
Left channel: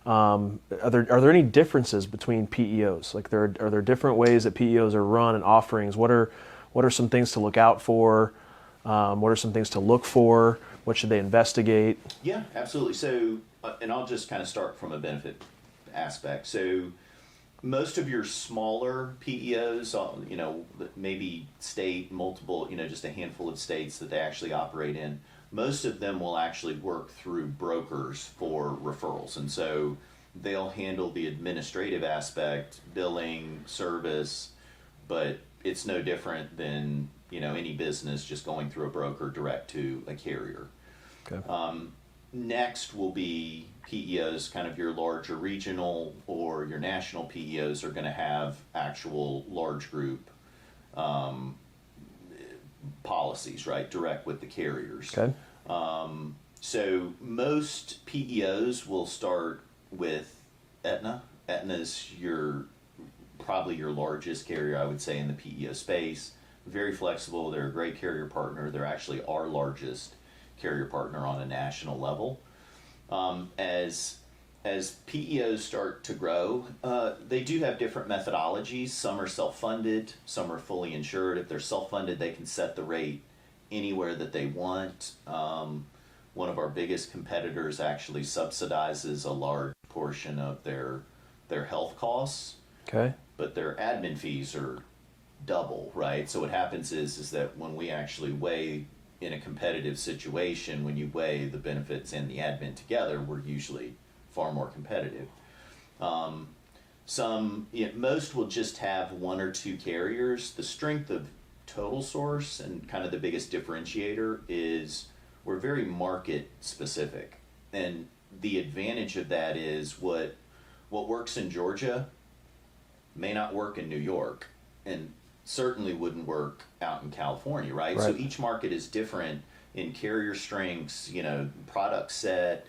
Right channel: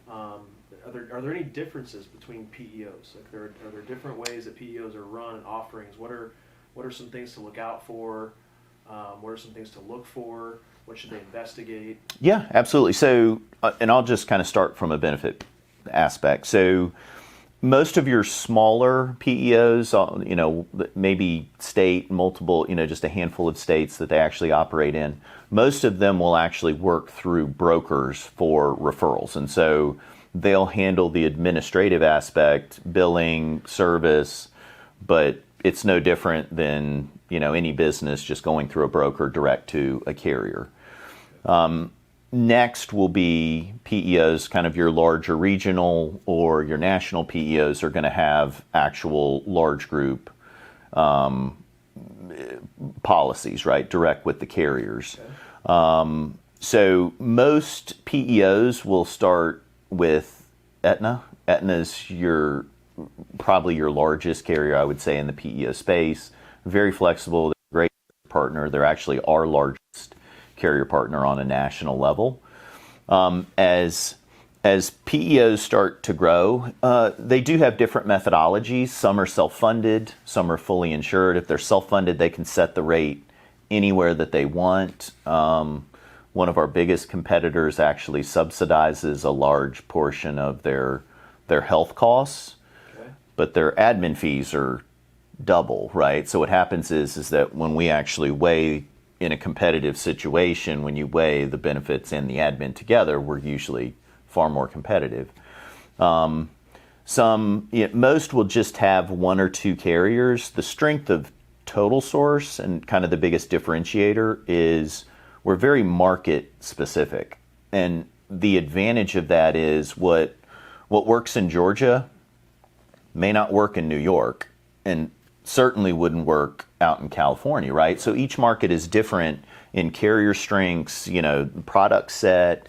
are there any differences between PEOs? Like are there different ways that PEOs are run and offerings? What are some things to look out for? What are some things to look for? What should they investigate? Yeah, absolutely. So, and I'll just kind of start from a benefit aspect. So most of your smaller PEOs, maybe state, multiple, just a handful of states that they actually operate in, most of them will actually work through brokers for referrals. And so they'll handle the administrative aspect, billing, service, but it's no different than, any business just going through a broker direct to a carrier. Okay. Next will be PEOs, kind of your larger regional or your national PEOs are going to have actual large group, policies, right? Direct with the carriers. Okay. So most PEOs will start with Aetna. Aetna's probably your largest carrier, I would say, in the PEO space. Very flexible. They're a great carrier partner. They're actually our largest carrier partner on a national level. As PEOs start to grow, they do have different methodologies. Some are self-funded, some are fully insured. If they're self-funded, they can set the rate anywhere that they want. One of our biggest competitors actually subsidizes a large portion of their health costs, Okay. but their admin fees are double, right? So what happens is that when we actually weigh in a competitive situation, when you weigh the benefits and the admin together, we're usually far more competitive. Most will just have one or two carriers. The strength of Total Source and kind of the biggest differentiator is we're very market specific. And the advantage of that is what works in Georgia may not work in New York and certainly wouldn't work out in California, right? So each market is different in carrier strengths, product set,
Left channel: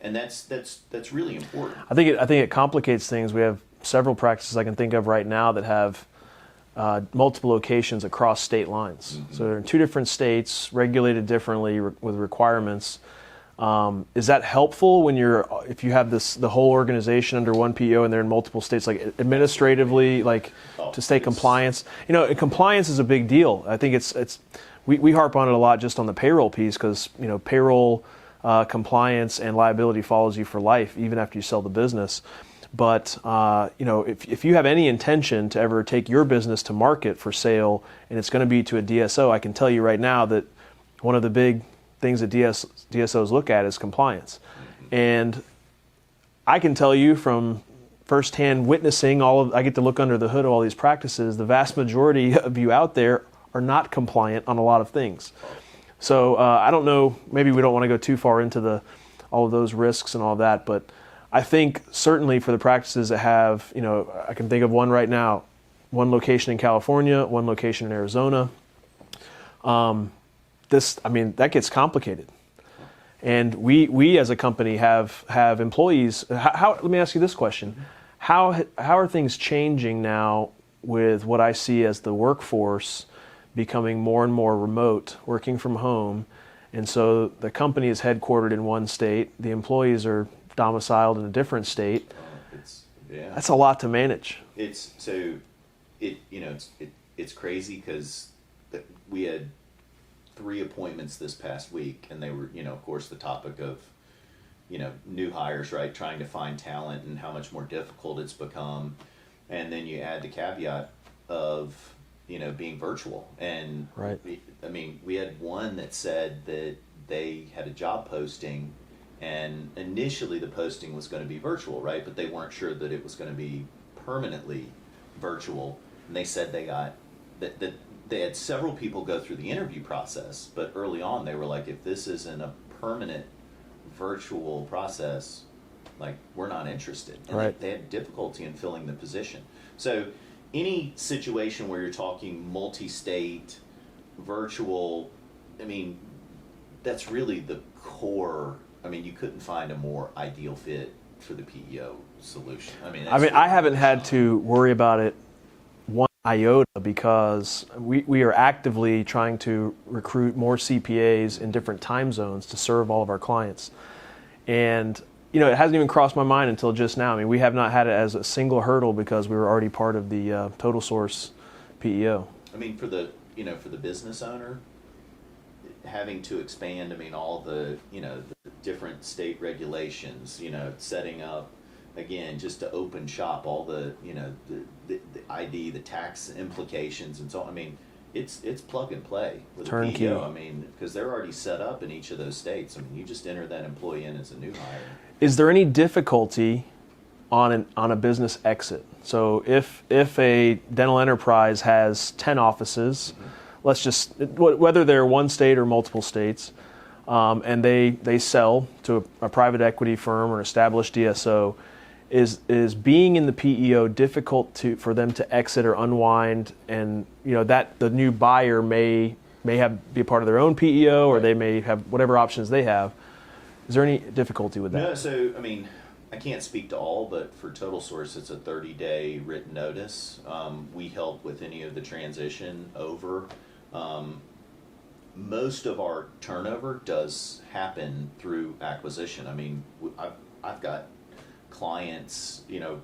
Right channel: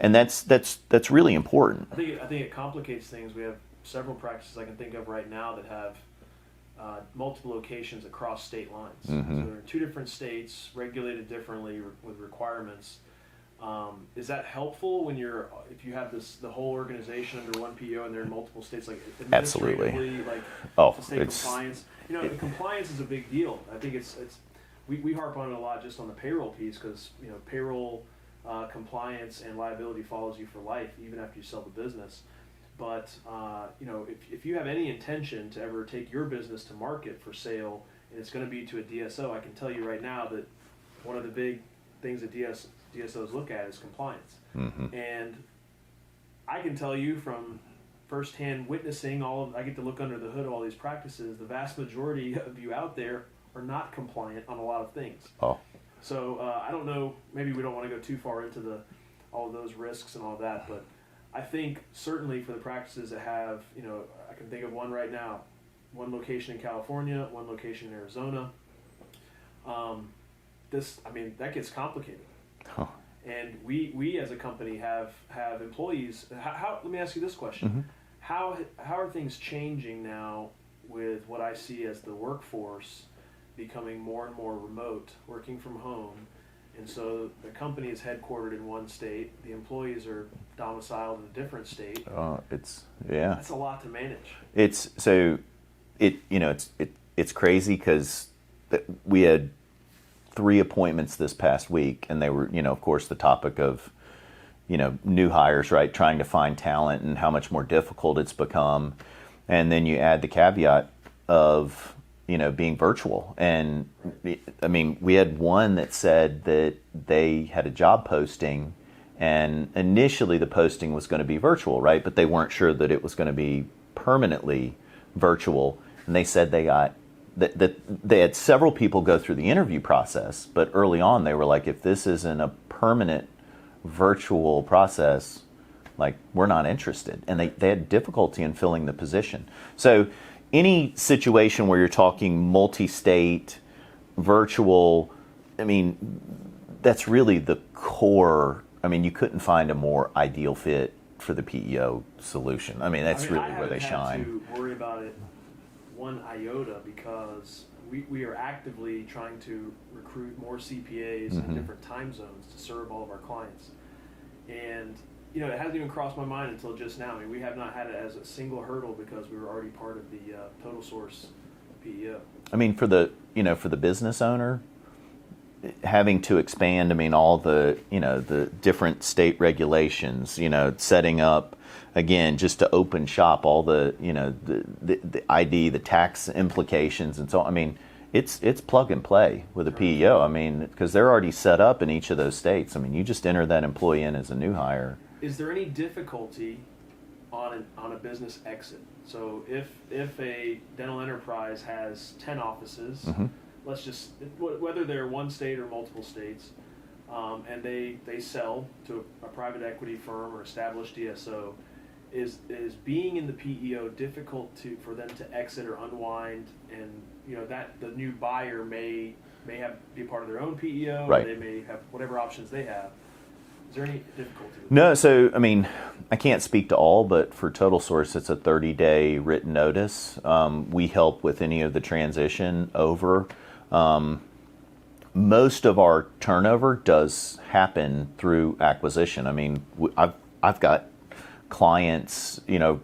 and that's really important. I think it complicates things. We have several practices I can think of right now that have multiple locations across state lines. Mm-hmm. So they're in two different states, regulated differently with requirements. Is that helpful when if you have the whole organization under one PO and they're in multiple states, like administratively, to stay compliance? Compliance is a big deal. I think we harp on it a lot just on the payroll piece because payroll compliance and liability follows you for life even after you sell the business. But if you have any intention to ever take your business to market for sale and it's going to be to a DSO, I can tell you right now that one of the big things that DSOs look at is compliance. Mm-hmm. And I can tell you from firsthand witnessing I get to look under the hood of all these practices, the vast majority of you out there are not compliant on a lot of things. Oh. So I don't know, maybe we don't want to go too far into all of those risks and all that, but I think certainly for the practices that have, I can think of one right now, one location in California, one location in Arizona. That gets complicated. Huh. And we as a company have employees. Let me ask you this question. Mm-hmm. How are things changing now with what I see as the workforce becoming more and more remote, working from home? And so the company is headquartered in one state. The employees are domiciled in a different state. That's a lot to manage. It's crazy because we had 3 appointments this past week, and they were, of course, the topic of, new hires, right? Trying to find talent and how much more difficult it's become. And then you add the caveat of, being virtual. And right. We had one that said that they had a job posting, and initially the posting was going to be virtual, right? But they weren't sure that it was going to be permanently virtual. And they said they got that they had several people go through the interview process, but early on they were like, if this isn't a permanent virtual process, we're not interested. And right. they had difficulty in filling the position. So any situation where you're talking multi-state, virtual, that's really the core. You couldn't find a more ideal fit for the PEO solution. I haven't had to worry about it one iota because we are actively trying to recruit more CPAs in different time zones to serve all of our clients. And, it hasn't even crossed my mind until just now. We have not had it as a single hurdle because we were already part of the Total Source PEO. For the business owner, having to expand, all the different state regulations, setting up, again, just to open shop, all the the ID, the tax implications, and so on. It's plug and play with a PEO. Because they're already set up in each of those states. You just enter that employee in as a new hire. Is there any difficulty on a business exit? So if a dental enterprise has 10 offices, let's just whether they're one state or multiple states, and they sell to a private equity firm or established DSO. is being in the PEO difficult for them to exit or unwind, and that the new buyer may be a part of their own PEO, or Right. they may have whatever options they have. Is there any difficulty with that? No, so I mean, I can't speak to all, but for Total Source, it's a 30-day written notice. We help with any of the transition over. Most of our turnover does happen through acquisition. I mean, I've got clients,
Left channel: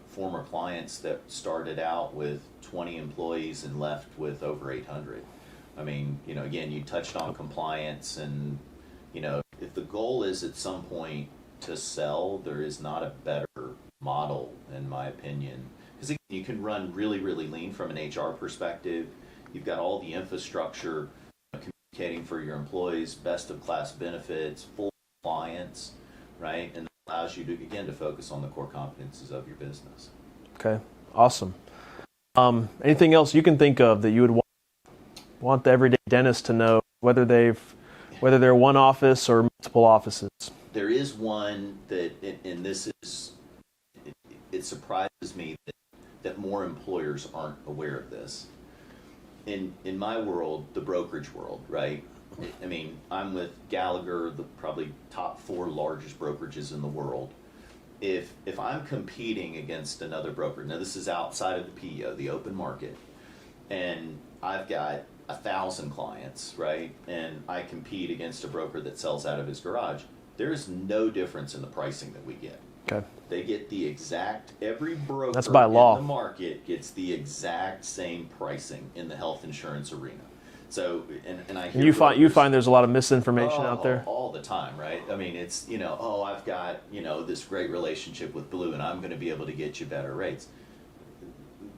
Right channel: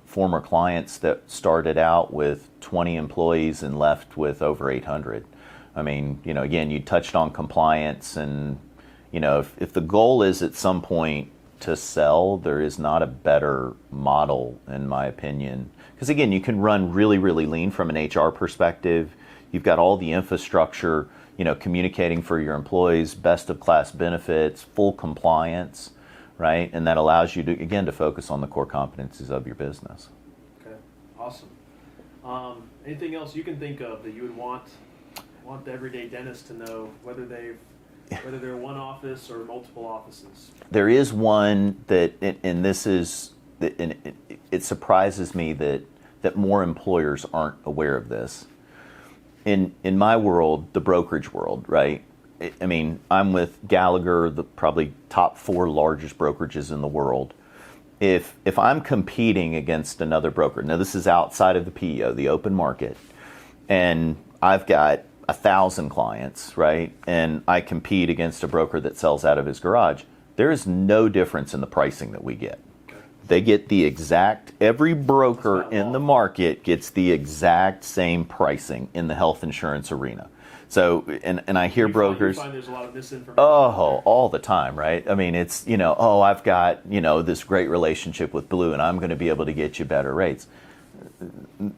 former clients that started out with 20 employees and left with over 800. I mean, again, you touched on compliance, and if the goal is at some point to sell, there is not a better model, in my opinion. Because again, you can run really, really lean from an HR perspective. You've got all the infrastructure, communicating for your employees, best of class benefits, full compliance, right? And that allows you to focus on the core competencies of your business. Okay, awesome. Anything else you can think of that you would want the everyday dentist to know, whether they're one office or multiple offices? There is one that, and it surprises me that more employers aren't aware of this. In my world, the brokerage world, right? I mean, I'm with Gallagher, the probably top 4 largest brokerages in the world. If I'm competing against another broker, now this is outside of the PEO, the open market, and I've got 1,000 clients, right? And I compete against a broker that sells out of his garage. There is no difference in the pricing that we get. Okay. They get every broker in the market gets the exact same pricing in the health insurance arena. So, and I hear brokers. You find there's a lot of misinformation out there? All the time, right? I mean, it's, I've got, this great relationship with Blue and I'm going to be able to get you better rates.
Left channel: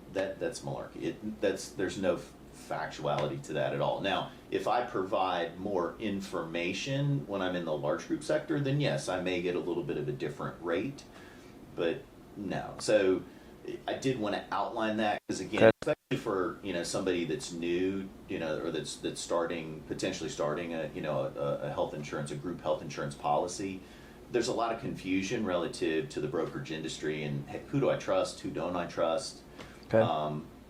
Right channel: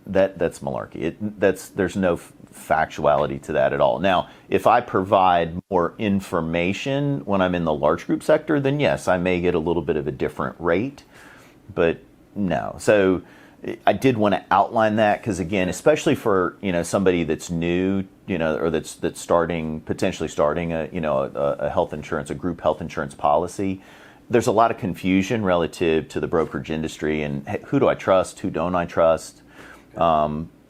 That's malarkey. There's no factuality to that at all. Now, if I provide more information when I'm in the large group sector, then yes, I may get a little bit of a different rate, but no. So I did want to outline that because, again, especially for somebody that's new, or that's potentially starting a health insurance, a group health insurance policy. There's a lot of confusion relative to the brokerage industry and who do I trust, who don't I trust. Okay.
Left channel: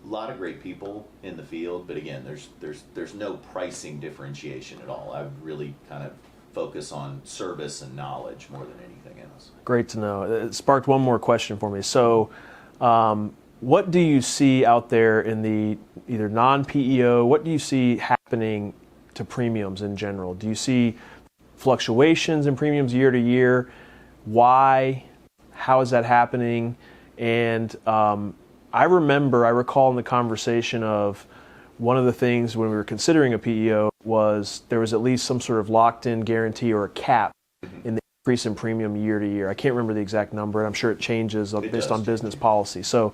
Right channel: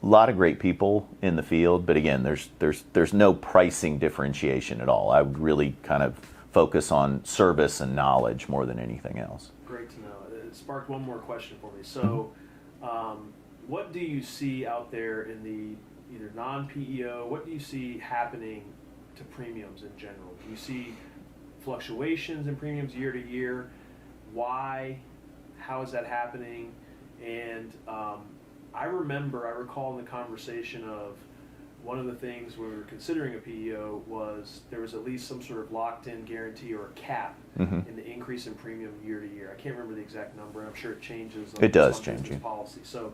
A lot of great people in the field, but again, there's no pricing differentiation at all. I would really kind of focus on service and knowledge more than anything else. Great to know. It sparked one more question for me. So, what do you see out there in the either non-PEO? What do you see happening to premiums in general? Do you see fluctuations in premiums year to year? Why? How is that happening? And I recall in the conversation of one of the things when we were considering a PEO was there was at least some sort of locked-in guarantee or a cap in the increase in premium year to year. I can't remember the exact number, and I'm sure it changes based on business policy. So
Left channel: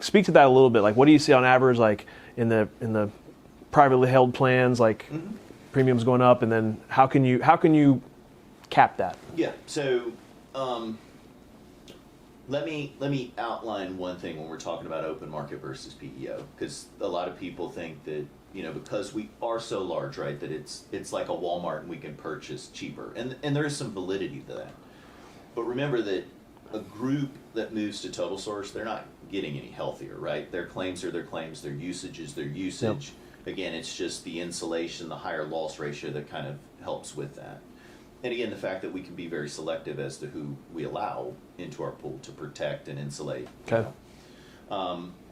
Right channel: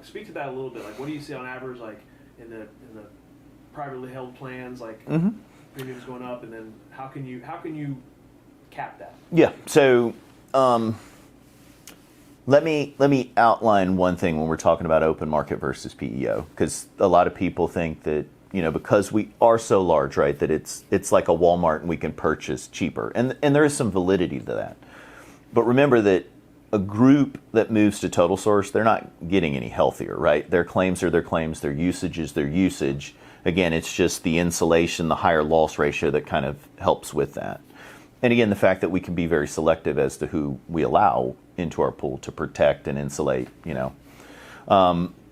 speak to that a little bit. Like, what do you see on average, like in the privately held plans, like premiums going up, and then how can you cap that? Yeah. So let me outline one thing when we're talking about open market versus PEO, because a lot of people think that because we are so large, right, that it's like a Walmart and we can purchase cheaper, and there is some validity to that. But remember that a group that moves to Total Source, they're not getting any healthier, right? Their claims are their claims, their usage is their usage. Yep. Again, it's just the insulation, the higher loss ratio that kind of helps with that. And again, the fact that we can be very selective as to who we allow into our pool to protect and insulate,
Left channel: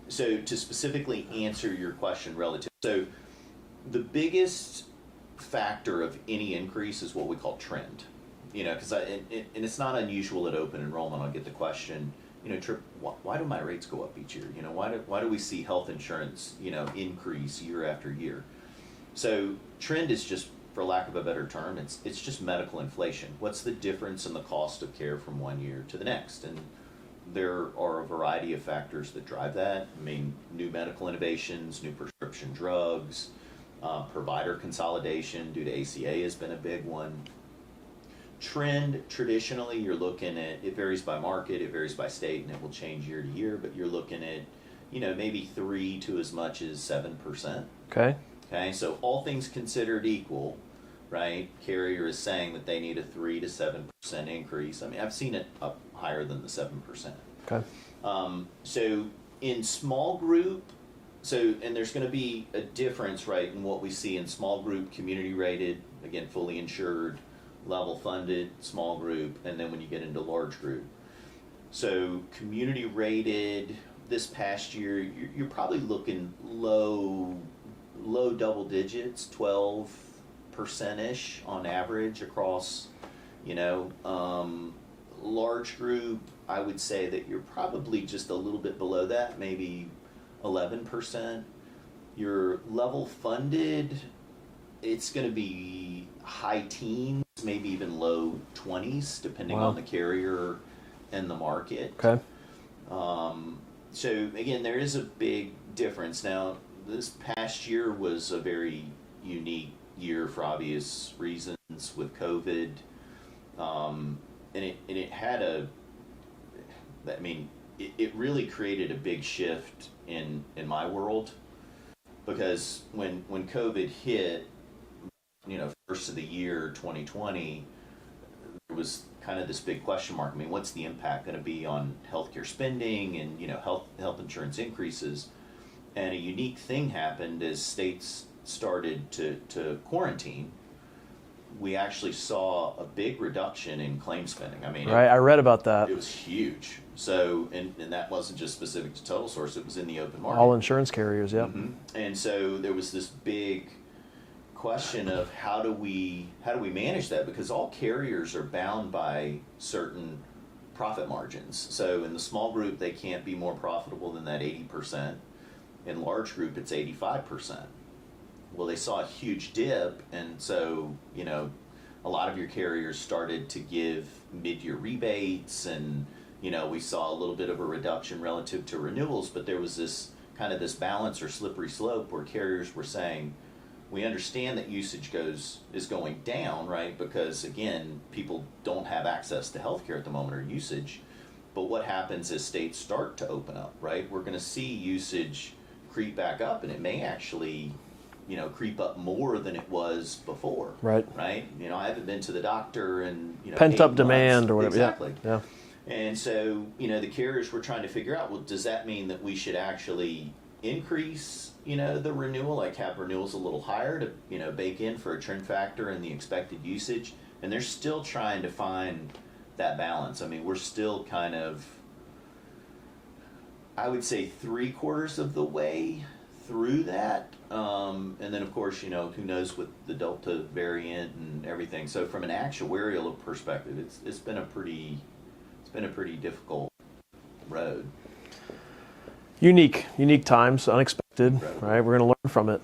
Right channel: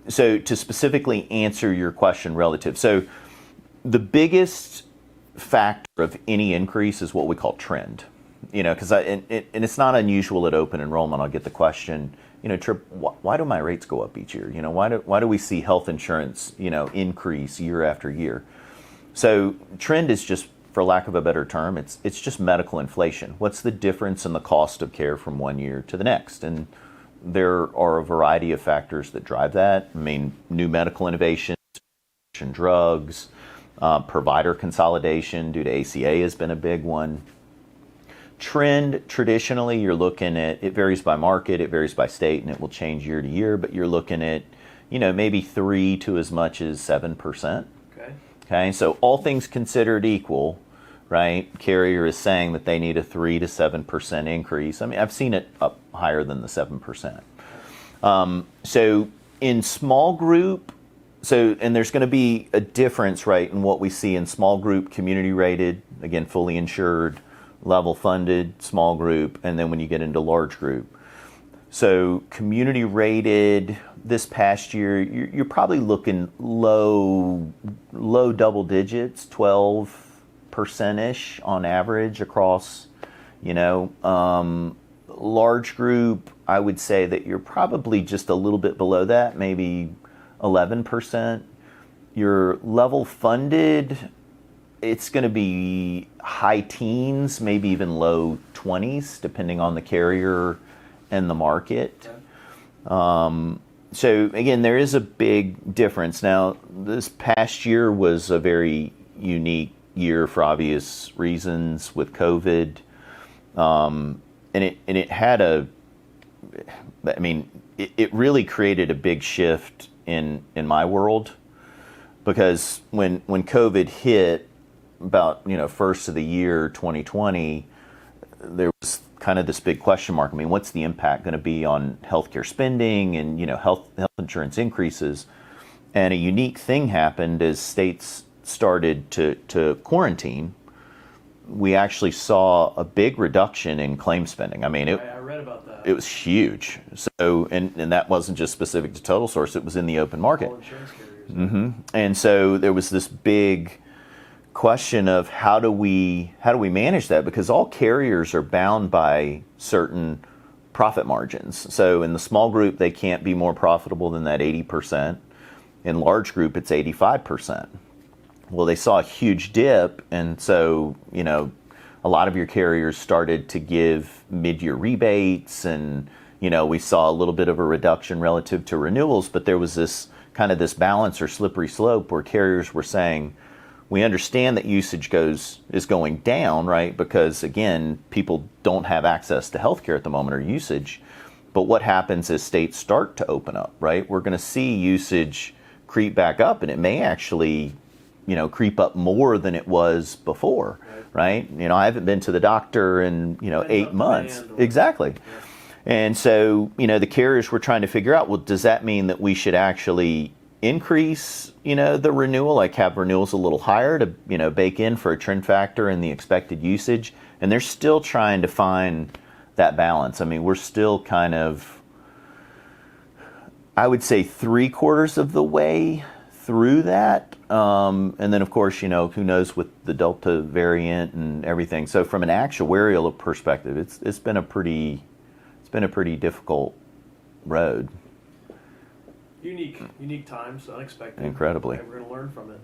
So to specifically answer your question relative, so the biggest factor of any increase is what we call trend. Because and it's not unusual at open enrollment. I'll get the question, Tripp, why do my rates go up each year? Why do we see health insurance, increase year after year? So trend is just, for lack of a better term, it's just medical inflation. What's the difference in the cost of care from one year to the next? And there are a variety of factors that drive that. I mean, new medical innovations, new prescription drugs, provider consolidation due to ACA has been a big one. Trend, traditionally, you're looking at, it varies by market, it varies by state, and it will change year to year, but you're looking at, maybe 3 to as much as 7%. Okay, so all things considered equal, right? Carrier is saying that they need a 3 to 7% increase. I mean, I've seen it up higher than the 7%. Okay. So in small group, and there's going to be a difference, right, in what we see in small group, community rated, again, fully insured, level funded, small group, and then when you get into large group. So community rated this past year, you're probably looking low double digits, 12%-ish on average across, large group, I would say that you're probably just a little bit below that, maybe 11%. Your level funded, it's going to be high teens, maybe even low 20s, depending on the carrier and the market. Okay. So again, there is a big difference. Now, this past year was a very unique year for obvious reasons with COVID, and it had it really created a big shift in my world, because when COVID hit about first of the year 2020, there was kind of this big question mark. I mean, what's the impact going to be on healthcare spending and health insurance increases? And a unique thing happened as states started to quarantine. We actually saw a big reduction in claim spending. I mean, I read about that. It was huge. So, and that wasn't just specific to Total Source; it was in the open market. All insurance carriers, yeah. Mm-hmm. And so there was this big question of how do we manage that, because all carriers are bound by certain profit margins. So in the small group, they can't be more profitable than that 80%. In large group, it's 85%. Well, they saw a huge dip, and so a lot of your carriers started to give mid-year rebates, and we saw a little bit of a reduction relative to renewals. But there was this balance or slippery slope where carriers were saying, we understand that usage is going down, right? Because again, people don't have access to healthcare at the moment, or usage. But what happens as states start to open up, right? We're going to see usage creep back up, and it may actually, creep up more than it was before, right? I haven't been to the doctor in 8 months. Pent-up demand, or whatever. Exactly. Yeah. And so, the carriers were trying to figure out, well, does that mean that we should actually increase, the renewal, like have renewals a little higher to, bake in for a trend factor and the expected usage? And they're still trying to find that balance. I mean, we're still kind of, I would say, 3/4 of the way through that. And then, of course, who knows with the Delta variant and everything. So from an actuarial perspective, it's been a pretty difficult road. Unique times, unexpected. Incredible. Right, we're going to learn from it.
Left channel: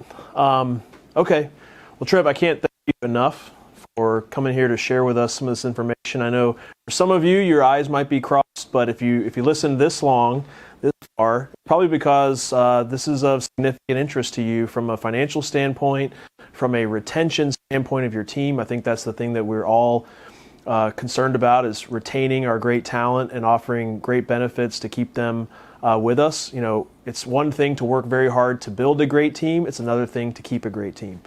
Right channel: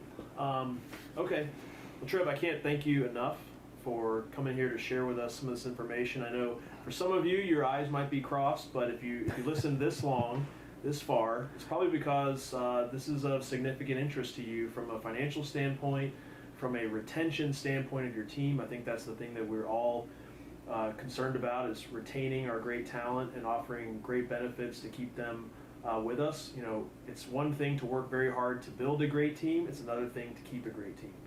Okay. Well, Tripp, I can't thank you enough for coming here to share with us some of this information. I know for some of you, your eyes might be crossed, but if you listen this far, it's probably because this is of significant interest to you from a financial standpoint, from a retention standpoint of your team. I think that's the thing that we're all concerned about, is retaining our great talent and offering great benefits to keep them with us. It's one thing to work very hard to build a great team. It's another thing to keep a great team.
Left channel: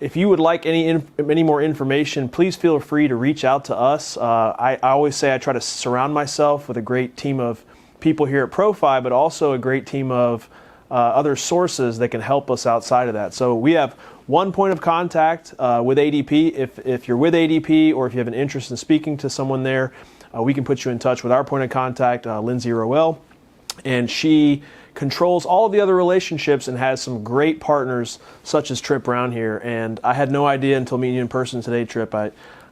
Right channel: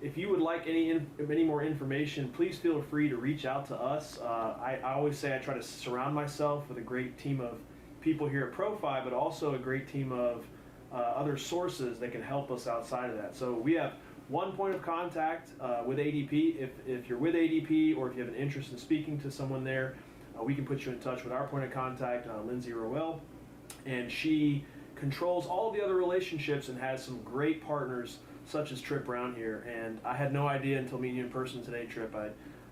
If you would like any more information, please feel free to reach out to us. I always say I try to surround myself with a great team of people here at Profi, but also a great team of other sources that can help us outside of that. So we have one point of contact with ADP. If you're with ADP, or if you have an interest in speaking to someone there, we can put you in touch with our point of contact, Lindsay Rowell. And she controls all of the other relationships and has some great partners such as Tripp Brown here. And I had no idea until meeting you in person today, Tripp.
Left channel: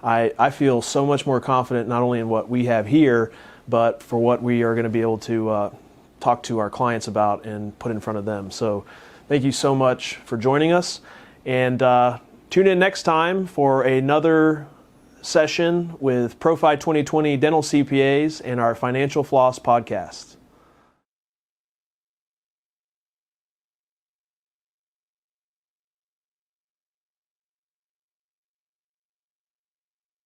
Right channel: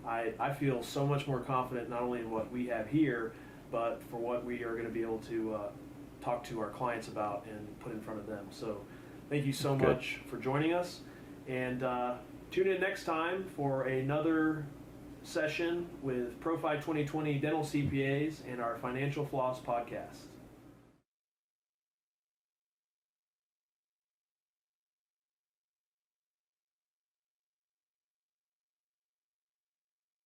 I feel so much more confident not only in what we have here, but for what we are going to be able to talk to our clients about and put in front of them. So thank you so much for joining us. And tune in next time for another session with Profi 2020 Dental CPAs and our Financial Floss podcast.